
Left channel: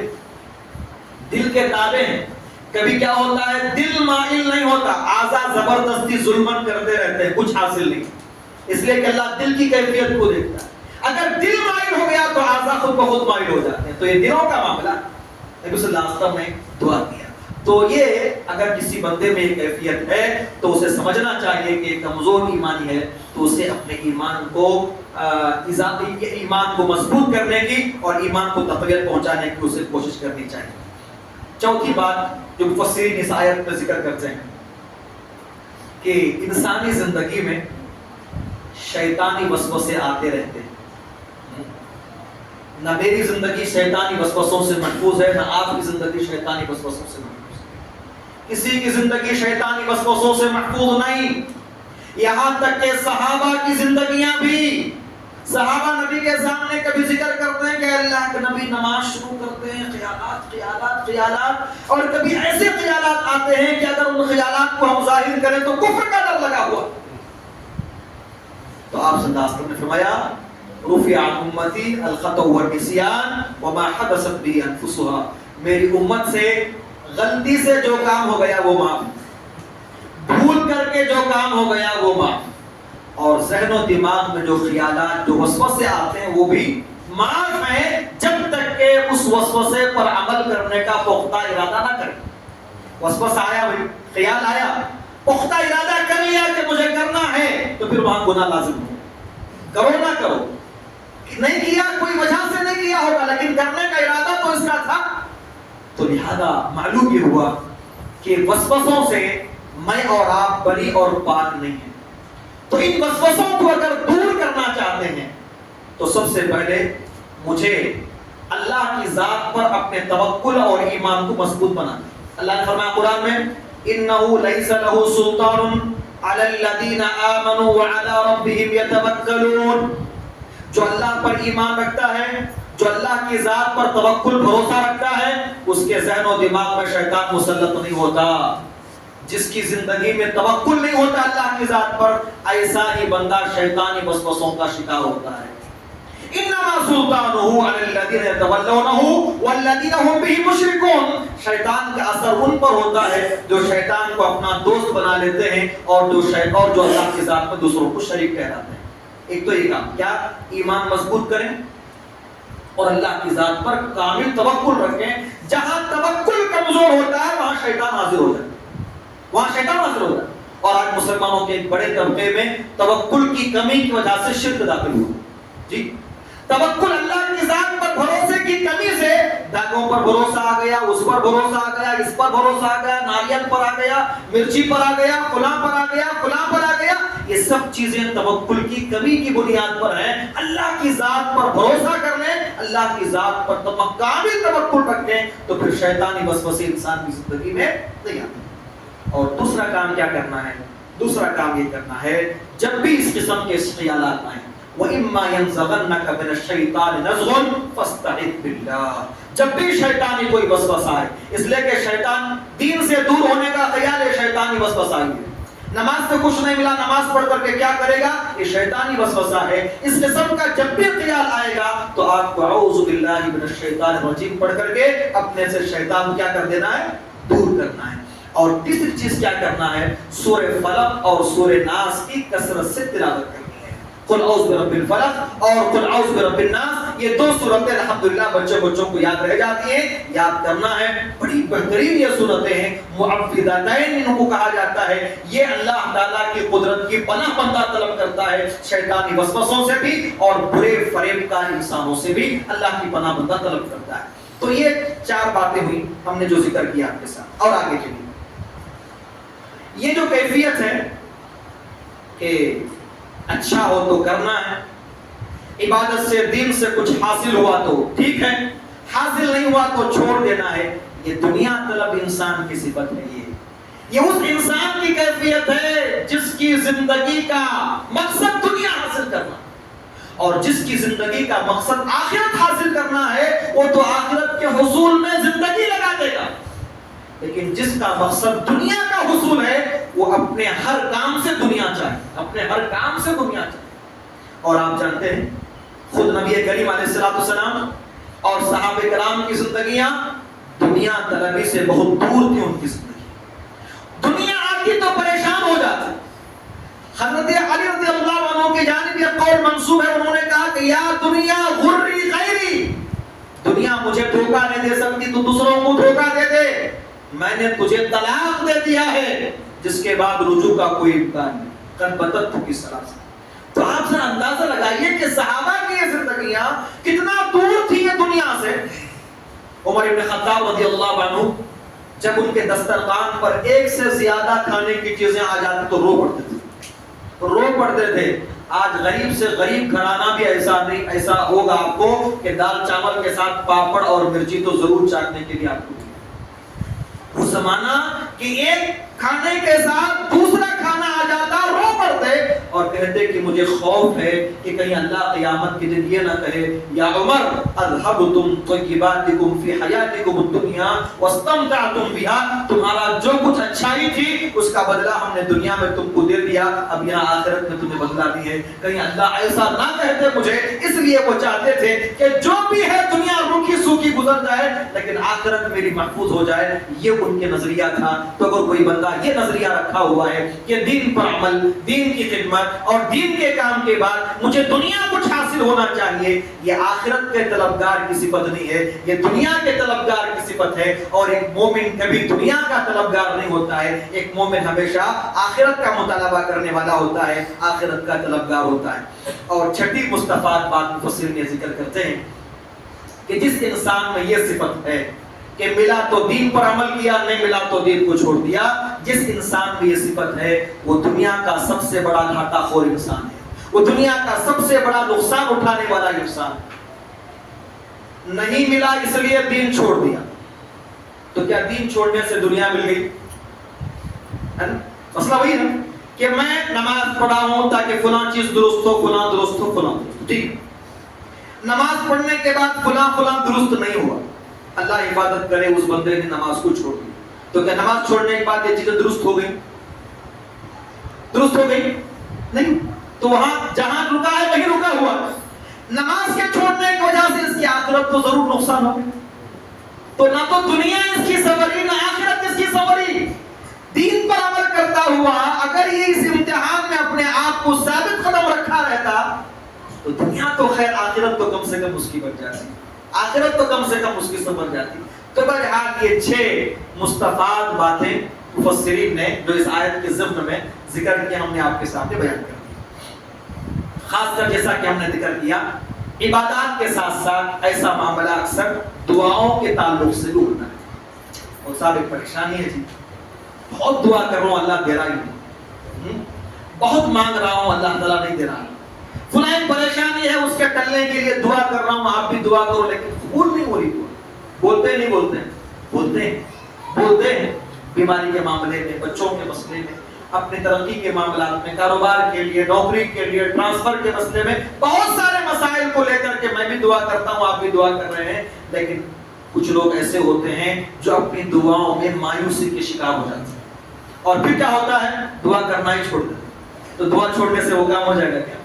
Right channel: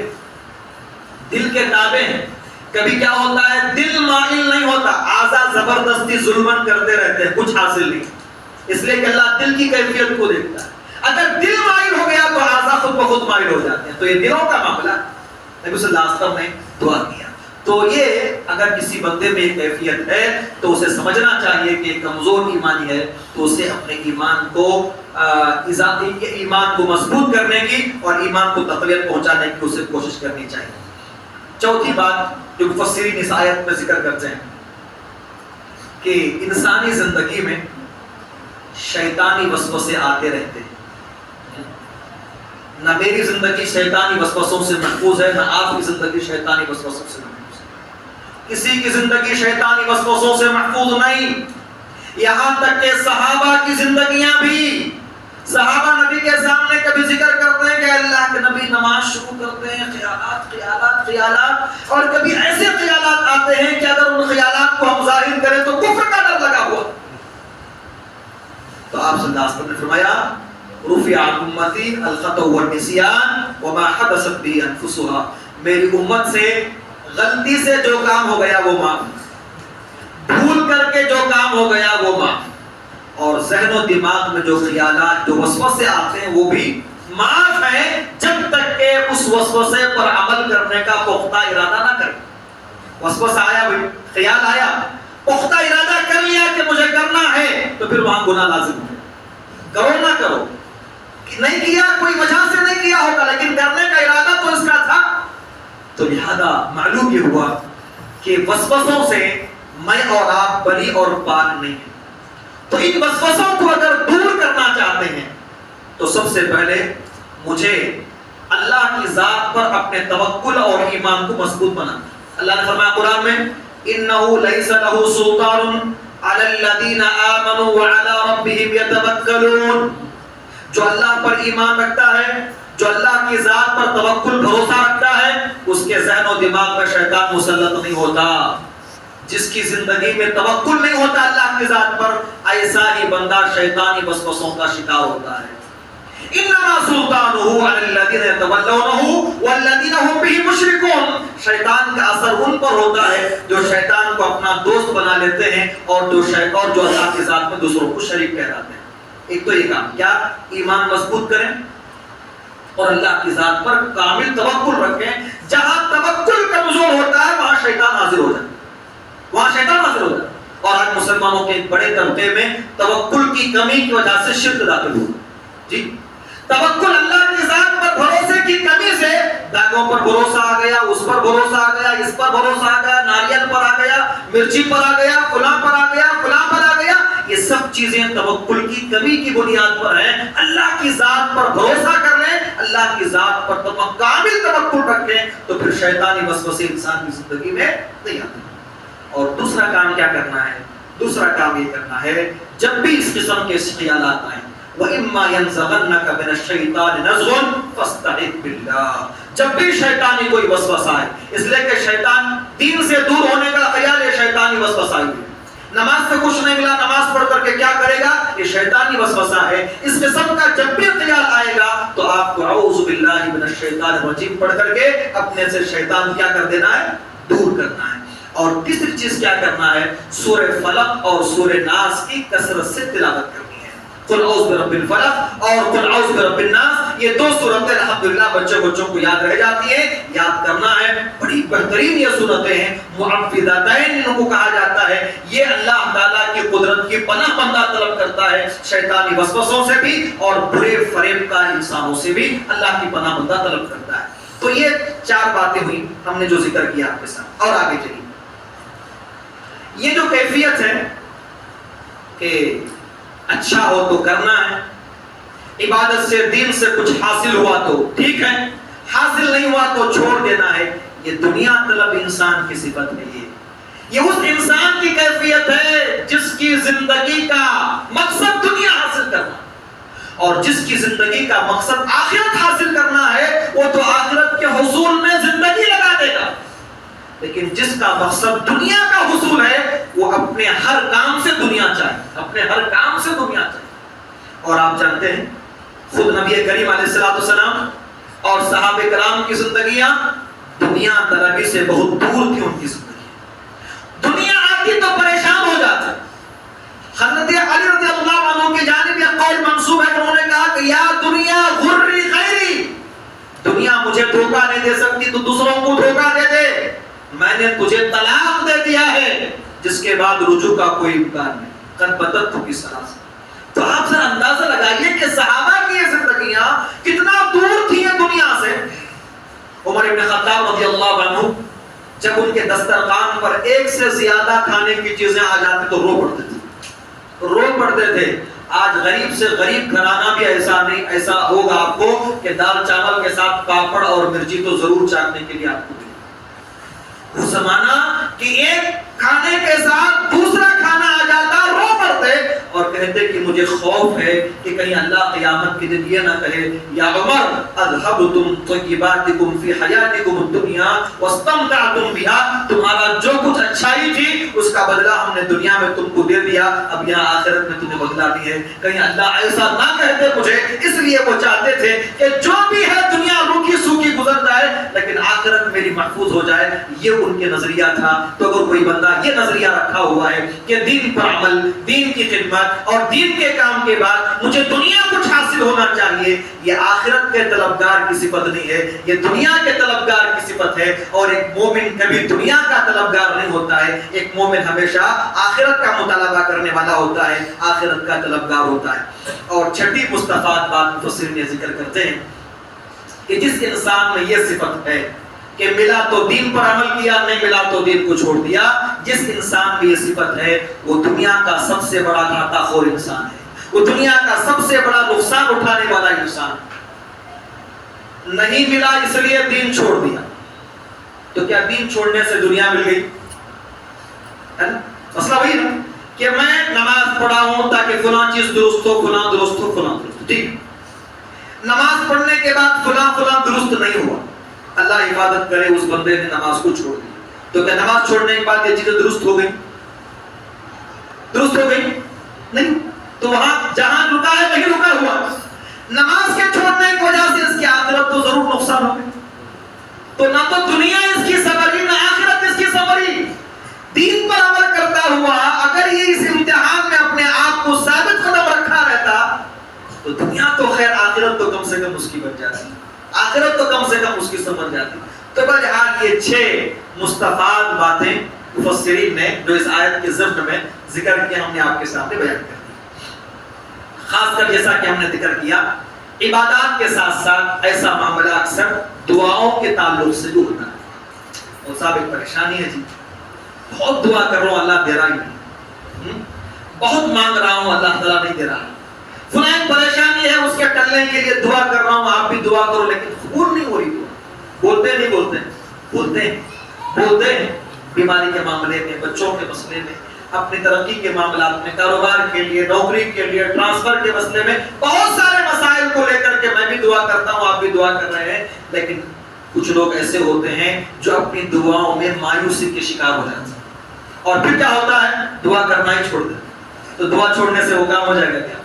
ہیں۔ کبھی کیا ہوتا ہے دل مائل نہیں ہوتا، اعضاء زبردستی ظلمن کرتے رہتے ہیں، کچھ حاصل نہیں۔ اس لیے کہ اللہ دل کی کیفیت کو دیکھتا ہے۔ اگر دل مائل ہو گیا تو اعضاء خود بخود مائل ہو جاتے ہیں۔ تو یہ دلوں کا معاملہ نبی صلی اللہ علیہ وسلم نے دعا کیا۔ تو یہ اگر کسی بندے میں ایک کیفیت ہے تو اسے سمجھنا چاہیے کہ کمزور ایمانی ہے، تو اسے اپنے ایمان کو اضافی ایمان کو مضبوط کرنے کی اور ایمان کو تقویت پہنچانے کی اسے کوشش کرنی چاہیے۔ چوتھی بات جو مفسرین اس آیت میں ذکر کرتے ہیں کہ انسانی زندگی میں شیطانی وسوسے آتے رہتے ہیں۔ نہ میری زندگی شیطانی وسوسوں سے محفوظ ہے، نہ آپ کی زندگی شیطانی وسوسوں سے محفوظ ہے۔ کسی کی زندگی شیطانی وسوسوں سے محفوظ نہیں، یہاں تک کہ صحابہ کی زندگیاں بھی، صحابہ نبی کے سامنے کبھی ذکر کرتے ہیں کہ اللہ کے نبی نماز شروع کرتے ہیں، خیالات اور کبھی ایسے خیالات آتے ہیں کہ اگر ان خیالات کو ہم ظاہر کریں تو کفر کا ڈر لگا ہوا۔ تو آپ صلی اللہ علیہ وسلم نے فرمایا رفع عن امتی الخطأ والنسیان وما حدثت به انفسها، میری امت سے غلطی سے جو کام ہو گیا وہ معاف، بھول کر کے جو کام ہو گیا وہ معاف، اور ذہن و دماغ میں جو خیالات جو وسوسے آتے ہیں وہ بھی معاف ہیں، جب تک کہ اس وسوسے پر عمل کرنے کا پختہ ارادہ نہ کرے۔ وسوسہ آیا بھائی، خیال آیا، پختہ ارادہ کر لیا کہ مجھے کرنا ہے، تو پھر وہاں گناہ لازم ہے، کرو نہ کرو، نہیں کیا کوئی وجہ سے نہیں کیا ہوگا لیکن کرنے کا ارادہ تو اس کا تھا۔ تو لہذا معلوم یہ ہوا کہ وسوسوں سے میں اور آپ بری اور پاک نہیں ہیں۔ تو ان وسوسوں کو اگر دور کرنا چاہتے ہیں تو سب سے پہلے مجھے اللہ کی ذات پر اپنے توکل اور ایمان کو مضبوط بنانا۔ اللہ نے فرمایا قرآن میں انه ليس له سلطان على الذين آمنوا وعلى ربهم يتوکلون، جو اللہ پر ایمان رکھتا ہے، جو اللہ کی ذات پر توکل بھروسہ رکھتا ہے، اس کے ذہن و دماغ میں شیطان مسلط نہیں ہوتا۔ جس کی زندگی میں توکل نہیں ہوتا اللہ کی ذات پر، ایسا ہی بندہ شیطانی وسوسوں کا شکار ہوتا ہے۔ انما سلطانه على الذين يتولونه والذين هم به مشركون، شیطان کا اثر ان پر ہوتا ہے جو شیطان کو اپنا دوست بنا لیتے ہیں اور جو اللہ کی ذات میں دوسروں کو شریک ٹھہراتے ہیں۔ ایک تو یہ کام کیا، ایمان مضبوط کریں اور اللہ کی ذات پر کامل توکل رکھیں۔ جہاں توکل کمزور ہوتا ہے وہاں شیطان حاضر ہو جاتا ہے، وہاں شیطان حاضر ہو جاتا ہے۔ اور آج مسلمانوں کے ایک بڑے طبقے میں توکل کی کمی کی وجہ سے شرک داخل ہوا۔ جی توکل اللہ کی ذات پر بھروسے کی کمی سے داغوں پر بھروسہ آ گیا، اس پر بھروسہ آ گیا، اس پر بھروسہ آ گیا، ناریل پر آ گیا، مرچی پر آ گیا، فلاں پر آ گیا، فلاں پر آ گیا۔ یہ سب چیزیں توکل کی کمی کی بنیاد پر ہیں۔ اللہ کی ذات پر بھروسہ کر لیں، اللہ کی ذات پر کامل توکل رکھیں تو پھر شیطانی وسوسے انسان کی زندگی میں نہیں آتے۔ اور دوسرا کام کیا کرنا ہے؟ دوسرا کام یہ کرنا ہے جب بھی اس قسم کے خیالات آئیں وَإِمَّا يَنزَغَنَّكَ مِنَ الشَّيْطَانِ نَزْغٌ فَاسْتَعِذْ بِاللَّهِ، جب بھی شیطانی کوئی وسوسہ آئے، اس لیے کہ شیطان دین سے دور ہونے کا خیال ہے، شیطانی وسوسہ آئی ہے، نماز سے کچھ نہیں ملا، نماز پڑھ کر کے کیا کرے گا، یہ شیطانی وسوسہ ہے۔ اس قسم کا جب بھی خیال آئے گا تو آپ کو اعوذ باللہ من الشیطان الرجیم پڑھ کر کے اپنے سے شیطان کیا کر دینا ہے، دور کرنا ہے۔ اور تیسری چیز کیا کرنا ہے، سورہ فلق اور سورہ ناس کی کثرت سے تلاوت کرنی ہے۔ قل اعوذ برب الفلق اور قل اعوذ برب الناس، یہ دو سورتیں الحمدللہ بچوں کو یاد رہ جاتی ہیں، یاد کرنا ہے۔ بڑی بہترین یہ سورتیں ہیں، معوذتین ان کو کہا جاتا ہے۔ یہ اللہ تعالیٰ کی قدرت کی پناہ بندہ طلب کرتا ہے، شیطانی وسوسوں سے بھی اور برے فریب کار انسانوں سے بھی اللہ کی پناہ بندہ طلب کرتا ہے۔ تو یہ چار باتیں ہوئی ہم نے جو ذکر کیا آپ کے ساتھ۔ اور آگے چلیے، یہ جو کیفیت ہے کہ اچھا ہو تو کرنا ہے، عبادت سے دین سے کچھ حاصل ہوا تو ٹھیک ہے، حاصل نہیں ہوا تو چھوڑ دینا ہے، یہ دنیا طلب انسان کی صفت نہیں ہے۔ یہ اس انسان کی کیفیت ہے جس کی زندگی کا مقصد دنیا حاصل کرنا، اور جس کی زندگی کا مقصد آخرت حاصل کرنا ہے وہ تو آخرت کے حصول میں زندگی لگا دے گا، لیکن جس کا مقصد دنیا کا حصول ہے وہ اپنے ہر کام سے دنیا چاہیے، اپنے ہر کام سے دنیا چاہیے۔ اور آپ جانتے ہیں خود نبی کریم علیہ السلام اور صحابہ کرام کی زندگیاں دنیا طلبی سے بہت دور تھی، ان کی زندگی دنیا آتی تو پریشان ہو جاتے۔ حضرت علی رضی اللہ عنہ کی جانب یہ قول منسوب ہے، انہوں نے کہا کہ یا دنیا غری غیری، دنیا مجھے دھوکہ نہیں دے سکتی تو دوسروں کو دھوکہ دے دے۔ میں نے تجھے طلاق دے دیا ہے جس کے بعد رجوع کا کوئی امکان نہیں. قد بدت کی سلاس. تو آپ ذرا اندازہ لگائیے کہ صحابہ کی یہ زندگیاں کتنا دور تھی یہ دنیا سے. عمر ابن خطاب رضی اللہ عنہ جب ان کے دسترخوان پر ایک سے زیادہ کھانے کی چیزیں آ جاتی تو رو پڑتے تھے. آج غریب سے غریب گھرانہ بھی ایسا نہیں، ایسا ہوگا آپ کو کہ دال چاول کے ساتھ پاپڑ اور مرچی تو ضرور چاٹنے کے لیے آپ کو. وہ زمانہ کہ ایک کھانے کے ساتھ دوسرا کھانا آ جاتا، رو پڑتے اور کہتے کہ مجھے خوف ہے کہ کہیں اللہ قیامت کے دن یہ نہ کہے یا عمر اذهبتم طیباتکم فی حیاتکم الدنیا واستمتعتم بها. تمہارا جو کچھ اچھائی تھی اس کا بدلہ ہم نے دنیا میں تم کو دے دیا، اب یہاں آخرت میں تمہیں بدلہ دی ہے. کہیں اللہ ایسا نہ کہتے مجھے. اس لیے وہ چاہتے تھے کہ جو بھی ہے دنیا روکھی سوکھی گزر جائے لیکن آخرت میری محفوظ ہو جائے. یہ ان کے نظریہ تھا. تو اگر کوئی بندہ یہ نظریہ رکھا ہوا ہے کہ دین پر عمل، دین کی خدمت اور دین کے کام کے بعد مجھے دنیا کچھ حاصل ہونا چاہیے، یہ آخرت کے طلبگار کی صفت نہیں ہے، یہ دنیا کے طلبگار کی صفت ہے. اور ایک مومن کبھی دنیا کا طلبگار نہیں ہوتا ہے. ایک مومن ہمیشہ آخرت کا مطالبہ کرنے والا ہوتا ہے، آخرت کا طلبگار ہوتا ہے. اور چھٹی مستفاد بات مفسرین ذکر کرتے ہیں کہ جس انسان میں یہ صفت ہے کہ ملا تو دین پر عمل کیا، نہیں ملا تو دین کو چھوڑ دیا، جس انسان میں یہ صفت ہے وہ دنیا کا سب سے بڑا گھاٹا خور انسان ہے. وہ دنیا کا سب سے بڑا نقصان اٹھانے والا انسان. نہیں ملا اس لیے دین چھوڑ دیا. تو کیا دین چھوڑنے سے دنیا مل گئی؟ مسئلہ وہی نا کہ میں نماز پڑھا ہوں تاکہ فلاں چیز درست ہو، فلاں درست ہو، فلاں درست. ٹھیک، نماز پڑھنے کے بعد فلاں درست نہیں ہوا، اللہ حفاظت کرے اس بندے نے نماز کو چھوڑ دیا. تو کیا نماز چھوڑنے کے بعد یہ چیزیں درست ہو گئی؟ درست ہو گئی نہیں. تو وہاں جہاں رکا ہے وہیں رکا ہوا. نماز کے چھوڑنے کی وجہ سے اس کی آخرت تو ضرور نقصان ہو گئی. تو نہ تو دنیا اس کی سنوری نہ آخرت اس کی سنوری. دین پر عمل کرتا ہوا اگر یہ اس امتحان میں اپنے آپ کو ثابت قدم رکھا رہتا تو دنیا تو خیر، آخرت تو کم سے کم اس کی بن جاتی، آخرت تو کم سے کم اس کی سمجھ جاتی. تو بہرحال یہ 6 مستفاد باتیں مفسرین نے جو اس آیت کے ضمن میں ذکر کیا ہم نے آپ کے سامنے بیان کر دی. خاص کر جیسا کہ ہم نے ذکر کیا عبادات کے ساتھ ساتھ ایسا معاملہ اکثر دعاؤں کے تعلق سے بھی ہوتا ہے. اور صاحب ایک پریشانی ہے جی، بہت دعا کر رہا ہوں اللہ دے رہا نہیں، بہت مانگ رہا ہوں اللہ تعالیٰ نہیں دے رہا. فلاں پریشانی ہے اس کے ٹلنے کے لیے دعا کر رہا ہوں، آپ بھی دعا کرو لیکن قبول نہیں ہو رہی. دعا بولتے نہیں بولتے ہیں بیماری کے معاملے میں، بچوں کے مسئلے میں، اپنی ترقی کے معاملات میں، کاروبار کے لیے، نوکری کے لیے، ٹرانسفر کے مسئلے میں، بہت سارے مسائل کو لے کر کے میں بھی دعا کرتا ہوں، آپ بھی دعا کر رہے ہیں. لیکن کچھ لوگ ایسے ہوتے ہیں جو اپنی دعاؤں میں مایوسی کے شکار ہو جاتے ہیں اور پھر کیا ہوتا ہے، دعا کرنا ہی چھوڑ دیتے. تو دعا چھوڑنے سے وہ کام ہو جائے گا کیا؟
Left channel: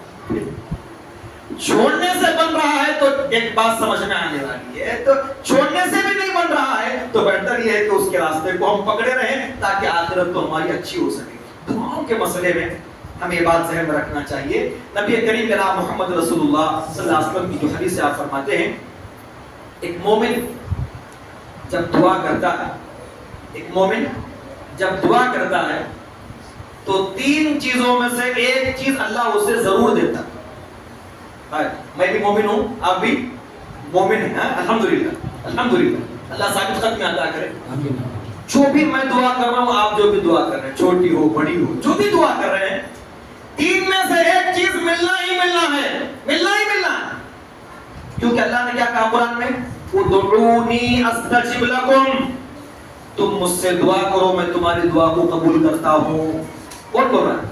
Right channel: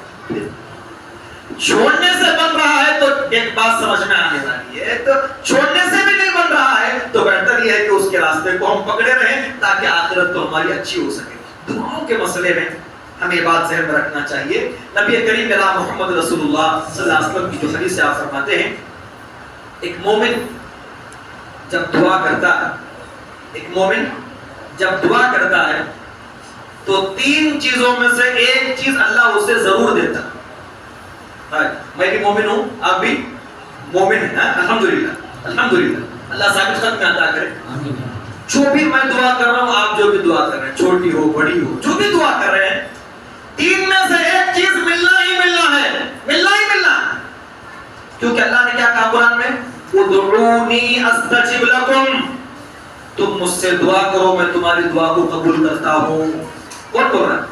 چھوڑنے سے بن رہا ہے تو ایک بات سمجھ میں آنے والی ہے، تو چھوڑنے سے بھی نہیں بن رہا ہے تو بہتر یہ ہے کہ اس کے راستے کو ہم پکڑے رہیں تاکہ آخرت تو ہماری اچھی ہو سکے. دعاؤں کے مسئلے میں ہمیں یہ بات ذہن میں رکھنا چاہیے. نبی کریم جناب محمد رسول اللہ صلی اللہ علیہ وسلم کی جو حدیث سے آپ فرماتے ہیں ایک مومن جب دعا کرتا ہے تو 3 چیزوں میں سے ایک چیز اللہ اسے ضرور دیتا. میں بھی مومن ہوں، آپ بھی مومن ہیں، الحمدللہ. اللہ ثابت خط میں عطا کرے. جو بھی میں دعا کر رہا ہوں، آپ جو بھی دعا کر رہے ہیں، چھوٹی ہو بڑی ہو، جو بھی دعا کر رہے ہیں، 3 میں سے ایک چیز ملنا ہی ملنا ہے. کیونکہ اللہ نے کیا کہا قرآن میں، ادعونی استجب لکم، تم مجھ سے دعا کرو میں تمہاری دعا کو قبول کرتا ہوں. کون بول رہا ہے؟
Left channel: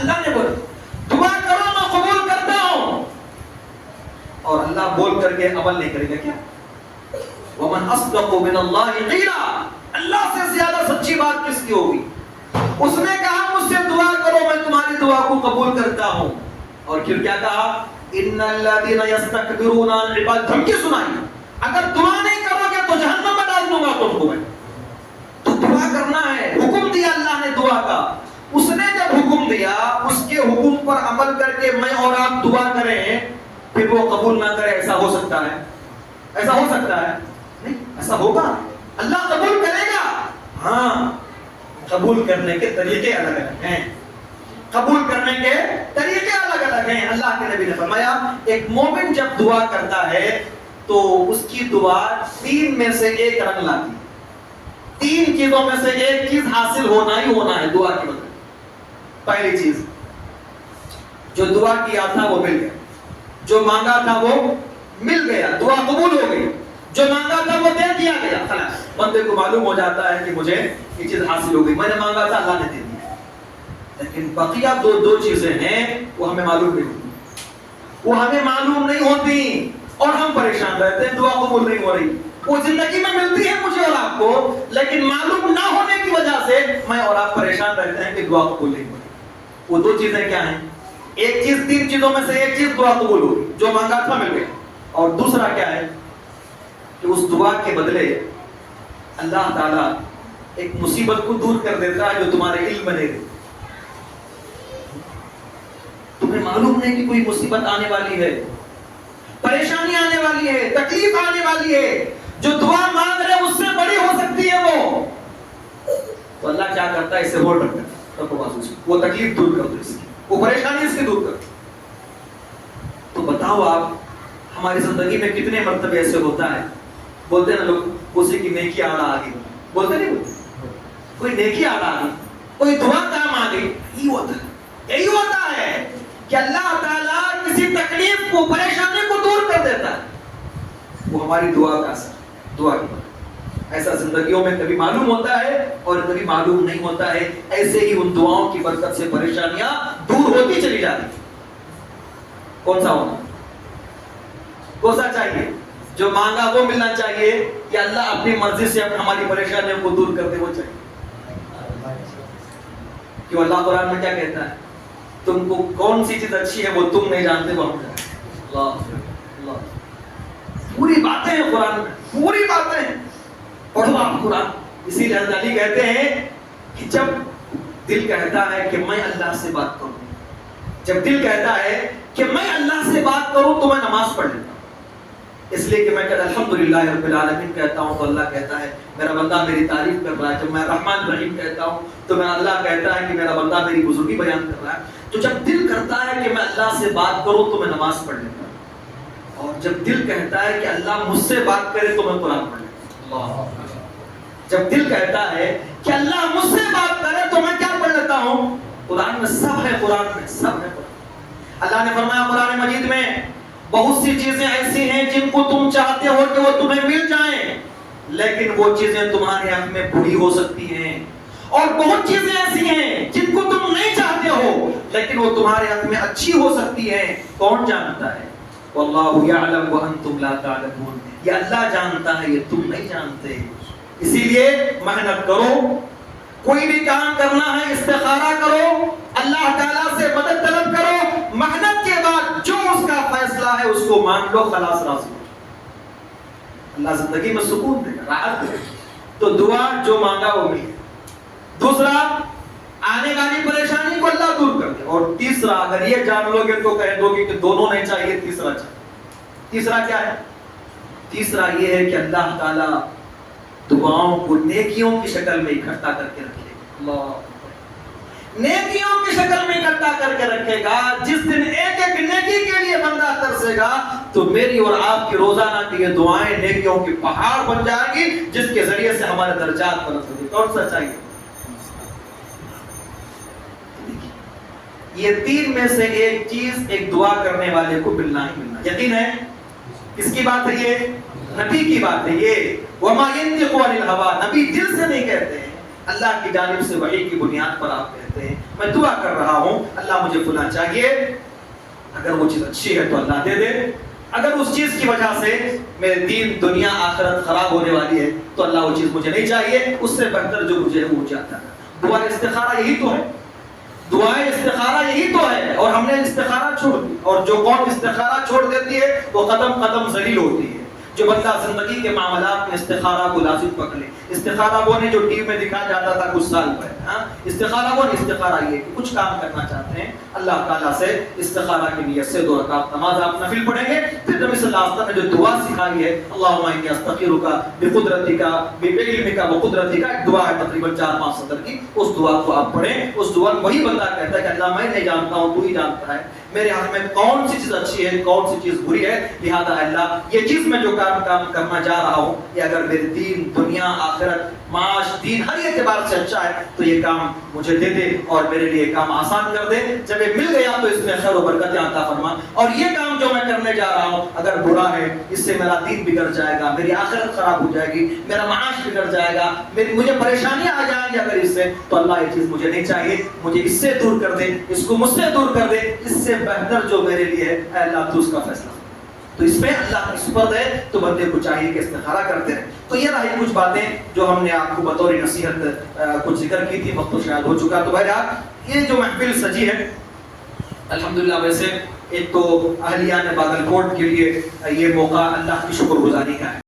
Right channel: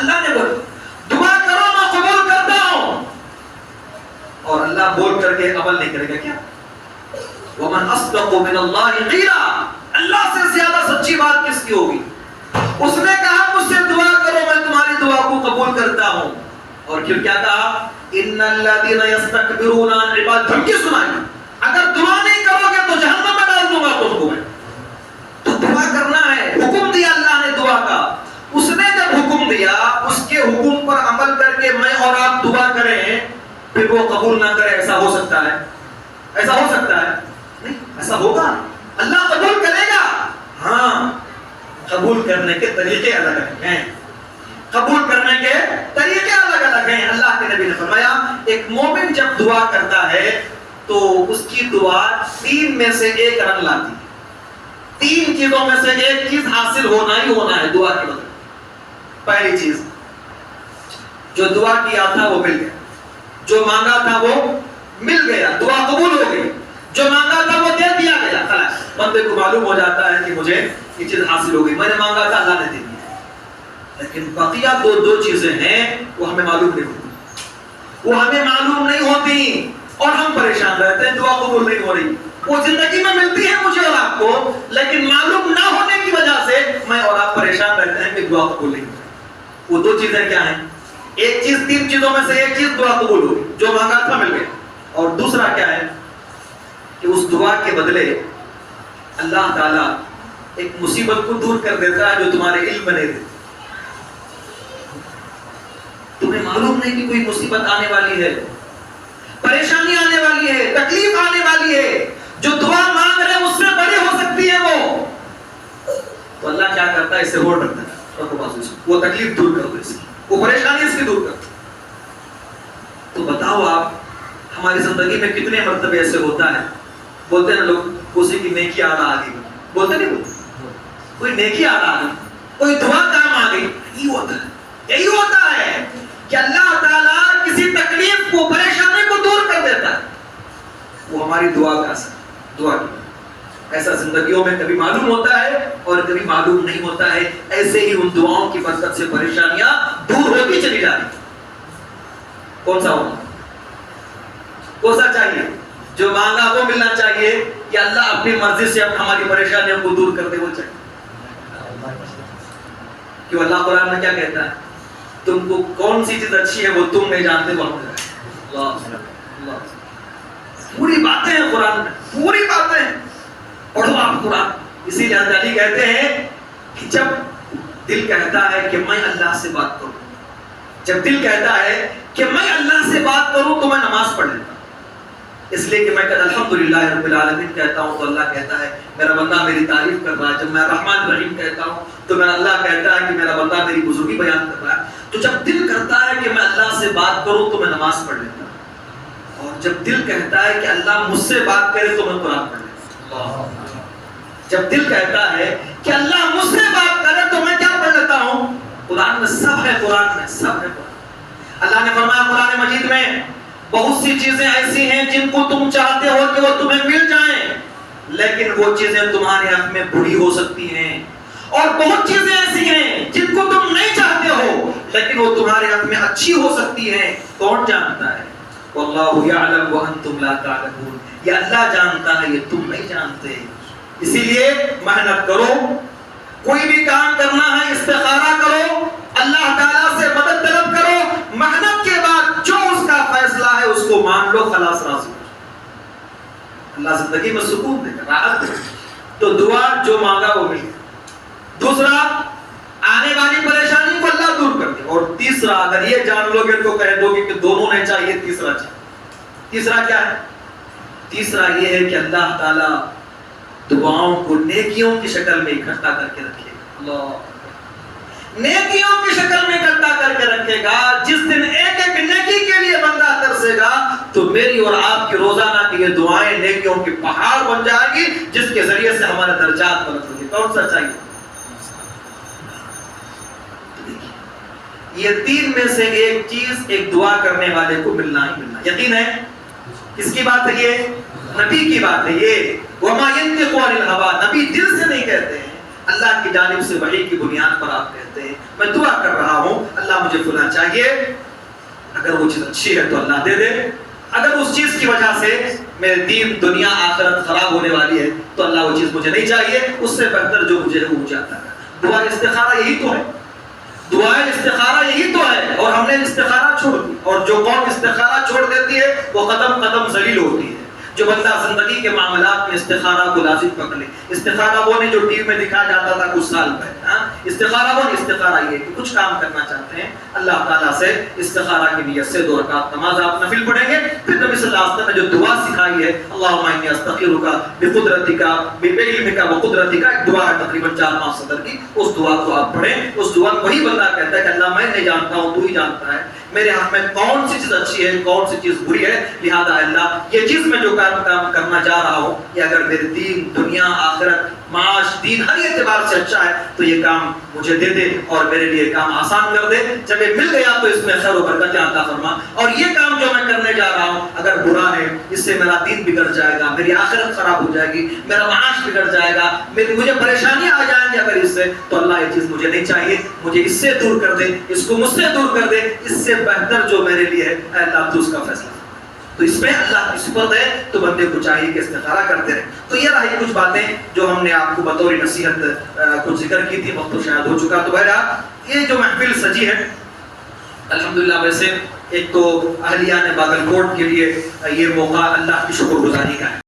اللہ نے بولا دعا کرو میں قبول کرتا ہوں. اور اللہ بول کر کے عمل نہیں کرے گا کیا؟ وَمَنْ أَصْدَقُ مِنَ اللَّهِ قِيلًا، اللہ سے زیادہ سچی بات کس کی ہوگی؟ اس نے کہا مجھ سے دعا کرو میں تمہاری دعا کو قبول کرتا ہوں. اور پھر کیا کہا، إِنَّ الَّذِينَ يَسْتَكْبِرُونَ عَنْ عِبَادَتِي، دھمکی سنائی، اگر دعا نہیں کرو گے تو جہنم میں ڈال دوں گا تم کو. تو دعا کرنا ہے، حکم دیا اللہ نے دعا کا. اس نے جب حکم دیا اس کے حکم پر عمل کر کے میں اور آپ دعا کریں پھر وہ قبول نہ کرے، ایسا ہو سکتا ہے؟ نہیں ایسا ہوگا. اللہ قبول کرے گا؟ ہاں، قبول کرنے کے طریقے الگ الگ ہیں، قبول کرنے کے طریقے الگ الگ ہیں۔ اللہ کے نبی نے فرمایا ایک مومن جب دعا کرتا ہے تو اس کی دعا 3 میں سے 1 رنگ لاتی ہے۔ 3 چیزوں میں سے 1 چیز حاصل ہونا ہی ہونا ہے دعا کی وجہ۔ پہلی چیز، جو دعا کیا تھا وہ مل گیا، جو مانگا تھا وہ مل گیا، دعا قبول ہو گئی، جو مانگا تھا وہ دے دیا گیا، خلاص بندے کو معلوم ہو جاتا ہے کہ مجھے یہ چیز حاصل ہو گئی، میں نے مانگا تھا اللہ نے دے دیا۔ لیکن بقیہ دو چیزیں ہیں وہ ہمیں معلوم نہیں ہوتی، وہ ہمیں معلوم نہیں ہوتی اور ہم پریشان رہتے ہیں، دعا قبول نہیں ہو رہی۔ وہ زندگی میں ملتی ہے مجھے اور آپ کو، لیکن معلوم نہ ہونے کی وجہ سے میں اور آپ پریشان رہتے ہیں کہ دعا قبول نہیں ہو رہی۔ وہ 2 چیزیں کیا ہیں؟ ایک چیز 3 چیزوں میں سے 1 چیز دعا قبول ہو گئی، جو مانگا تھا مل گئی، اور دوسرا کیا ہے کہ اس دعا کے بدلے اللہ تعالیٰ ایک مصیبت کو دور کر دیتا ہے جو تمہارے علم میں نہیں تھی۔ تمہیں معلوم نہیں کہ کوئی مصیبت آنے والی ہے، پریشانی آنے والی ہے، تکلیف آنے والی ہے، جو دعا مانگ رہے اس سے بڑی ہو سکتی ہے وہ، تو اللہ کیا کرتا ہے؟ اسے روک رکھتا ہے، وہ تکلیف دور کر دے، اس کی وہ پریشانی اس کی دور کر دے۔ تو بتاؤ آپ ہماری زندگی میں کتنے مرتبے ایسے ہوتا ہے، بولتے ہیں نا لوگ کسی کی نیکی آڑا آ گئی، بولتے نہیں، کوئی نیکی آڑا آ گئی، کوئی دعا کام آ گئی، یہی ہوتا ہے کہ اللہ تعالیٰ کسی تکلیف کو، پریشانی کو دور کر دیتا ہے، وہ ہماری دعا کا اثر، دعا کی۔ ایسا زندگیوں میں کبھی معلوم ہوتا ہے اور کبھی معلوم نہیں ہوتا ہے، ایسے ہی ان دعاؤں کی برکت سے پریشانیاں دور ہوتی چلی جاتی۔ کون سا ہونا، کون سا چاہیے؟ جو مانگا وہ ملنا چاہیے یا اللہ اپنی مرضی سے ہماری پریشانیوں کو دور کر دے وہ چاہیے؟ کیوں اللہ قرآن میں کیا کہتا ہے؟ تم کو کون سی چیز اچھی ہے وہ تم نہیں جانتے، وہ ہم جانتے ہیں۔ اللہ پوری باتیں ہیں قرآن میں، پوری باتیں ہیں، پڑھو آپ قرآن۔ اسی لیے حضرت علی کہتے ہیں کہ جب دل کہتا ہے کہ میں اللہ سے بات کروں، جب دل کہتا ہے کہ میں اللہ سے بات کروں تو میں نماز پڑھ لیتا ہوں، اس لیے کہ میں کہتا الحمدللہ رب العالمین کہتا ہوں تو اللہ کہتا ہے میرا بندہ میری تعریف کر رہا ہے۔ جب میں رحمان رحیم کہتا ہوں تو میرا اللہ کہتا ہے کہ میرا بندہ میری بزرگی بیان کر رہا ہے۔ تو جب دل کرتا ہے کہ میں اللہ سے بات کروں تو میں نماز پڑھ لیتا ہوں، اور جب دل کہتا ہے کہ اللہ مجھ سے بات کرے تو میں قرآن پڑھ لیتا ہوں۔ جب دل کہتا ہے کہ اللہ مجھ سے بات کرے تو میں کیا پڑھ لیتا ہوں؟ قرآن میں سب ہے، قرآن میں سب ہے۔ اللہ نے فرمایا قرآن مجید میں بہت سی چیزیں ایسی ہیں جن کو تم چاہتے ہو کہ وہ تمہیں مل جائیں، لیکن وہ چیزیں تمہارے حق میں بری ہو سکتی ہیں، اور بہت چیزیں ایسی ہیں جن کو تم نہیں چاہتے ہو لیکن وہ تمہارے حق میں اچھی ہو سکتی ہیں۔ کون جانتا ہے؟ واللہ یعلم وانتم لا تعلمون، یہ اللہ جانتا ہے، یہ تم نہیں جانتے۔ اسی لیے محنت کرو، کوئی بھی کام کرنا ہے استخارہ کرو، اللہ تعالیٰ سے مدد طلب کرو، محنت کے بعد جو اس کا فیصلہ ہے اس کو مان لو، خلاص راضی ہو۔ اللہ زندگی میں سکون دے گا، راحت دے گا۔ تو دعا جو مانگا وہ مل گیا۔ دوسرا، آنے والی پریشانی کو اللہ دور کر دے۔ اور تیسرا، اگر یہ جان لو گے تو کہہ دو گے کہ دونوں نہیں چاہیے، تیسرا چاہیے۔ تیسرا کیا ہے؟ تیسرا یہ ہے کہ اللہ تعالیٰ دعاؤں کو نیکیوں کی شکل میں اکٹھا کر کے رکھے گا۔ اللہ نیکیوں کی شکل میں اکٹھا کر کے رکھے گا۔ جس دن ایک ایک نیکی کے لیے بندہ ترسے گا تو میری اور آپ کی روزانہ کی یہ دعائیں نیکیوں کے پہاڑ بن جائیں گی، جس کے ذریعے سے ہمارے درجات بلند ہوں گے۔ کون سا چاہیے؟ یہ 3 میں سے ایک چیز ایک دعا کرنے والے کو ملنا ہی ملنا۔ یقین ہے؟ کس کی بات ہے یہ؟ نبی کی بات ہے یہ۔ وَمَا يَنْطِقُ عَنِ الْهَوَىٰ، نبی دل سے نہیں کہتے ہیں، اللہ کی جانب سے وحی کی بنیاد پر آپ کہتے ہیں میں دعا کر رہا ہوں اللہ مجھے فلاں چاہیے، اگر وہ چیز اچھی ہے تو اللہ دے دے، اگر اس چیز کی وجہ سے میرے دین دنیا آخرت خراب ہونے والی ہے تو اللہ وہ چیز مجھے نہیں چاہیے، اس سے بہتر جو مجھے ہے وہ چاہتا ہے۔ دعا استخارہ یہی تو ہے، دعائیں استخارہ یہی تو ہے، اور ہم نے استخارہ چھوڑ دی، اور جو قوم استخارہ چھوڑ دیتی ہے وہ قدم قدم ذلیل ہوتی ہے۔ جو بندہ زندگی کے معاملات میں استخارہ کو لازم پکڑے، استخارہ وہ نہیں جو ٹی وی میں دکھا جاتا تھا کچھ سال پہلے، ہاں استخارہ وہ نہیں، استخارہ یہ کہ کچھ کام کرنا چاہتے ہیں اللہ تعالیٰ سے استخارہ کی نیت سے 2 رکعت نماز آپ نفل پڑھیں گے. پھر نبی صلی اللہ علیہ وسلم نے جو دعا سکھائی ہے اللہم انی استخیرک بقدرتک بعلمک وقدرتک، ایک دعا ہے تقریباً 4-5 سطر کی، اس دعا کو آپ پڑھیں. اس دعا میں وہی بندہ کہتا ہے کہ اللہ میں نہیں جانتا ہوں، تو ہی جانتا ہے میرے ہاتھ میں کون سی چیز اچھی ہے کون سی چیز بری ہے، لہذا اللہ یہ چیز میں جو کام کرنا جا رہا ہوں یہ اگر میرے دین دنیا آخرت معاش دین ہر اعتبار سے اچھا ہے تو یہ کام مجھے دے دے اور میرے لیے کام آسان کر دے. جب یہ مل گیا تو اس میں خیر و برکت عطا فرما. اور یہ کام جو میں کرنے جا رہا ہوں اگر برا ہے، اس سے میرا دین بگڑ جائے گا، میری آخرت خراب ہو جائے گی، میرا معاش بگڑ جائے گا، مجھے پریشانیاں آ جائیں گی اگر اس سے، تو اللہ یہ چیز مجھے نہیں چاہیے، مجھے اس سے دور کر دے، اس کو مجھ سے دور کر دے، اس سے بہتر جو میرے لیے ہے اے اللہ تو اس کا فیصلہ. تو اس میں اللہ کی صفت ہے تو بندے کو چاہیے کہ استخارہ کرتے رہے. تو یہ رہی کچھ باتیں جو ہم نے آپ کو بطور نصیحت کچھ ذکر کی تھی، وقت تو شاید ہو چکا. تو بہرحال یہ جو محفل سجی ہے الحمدللہ، ویسے ایک تو اہلیان باگل کوٹ کے لیے یہ موقع اللہ کی شکر گزاری کا ہے.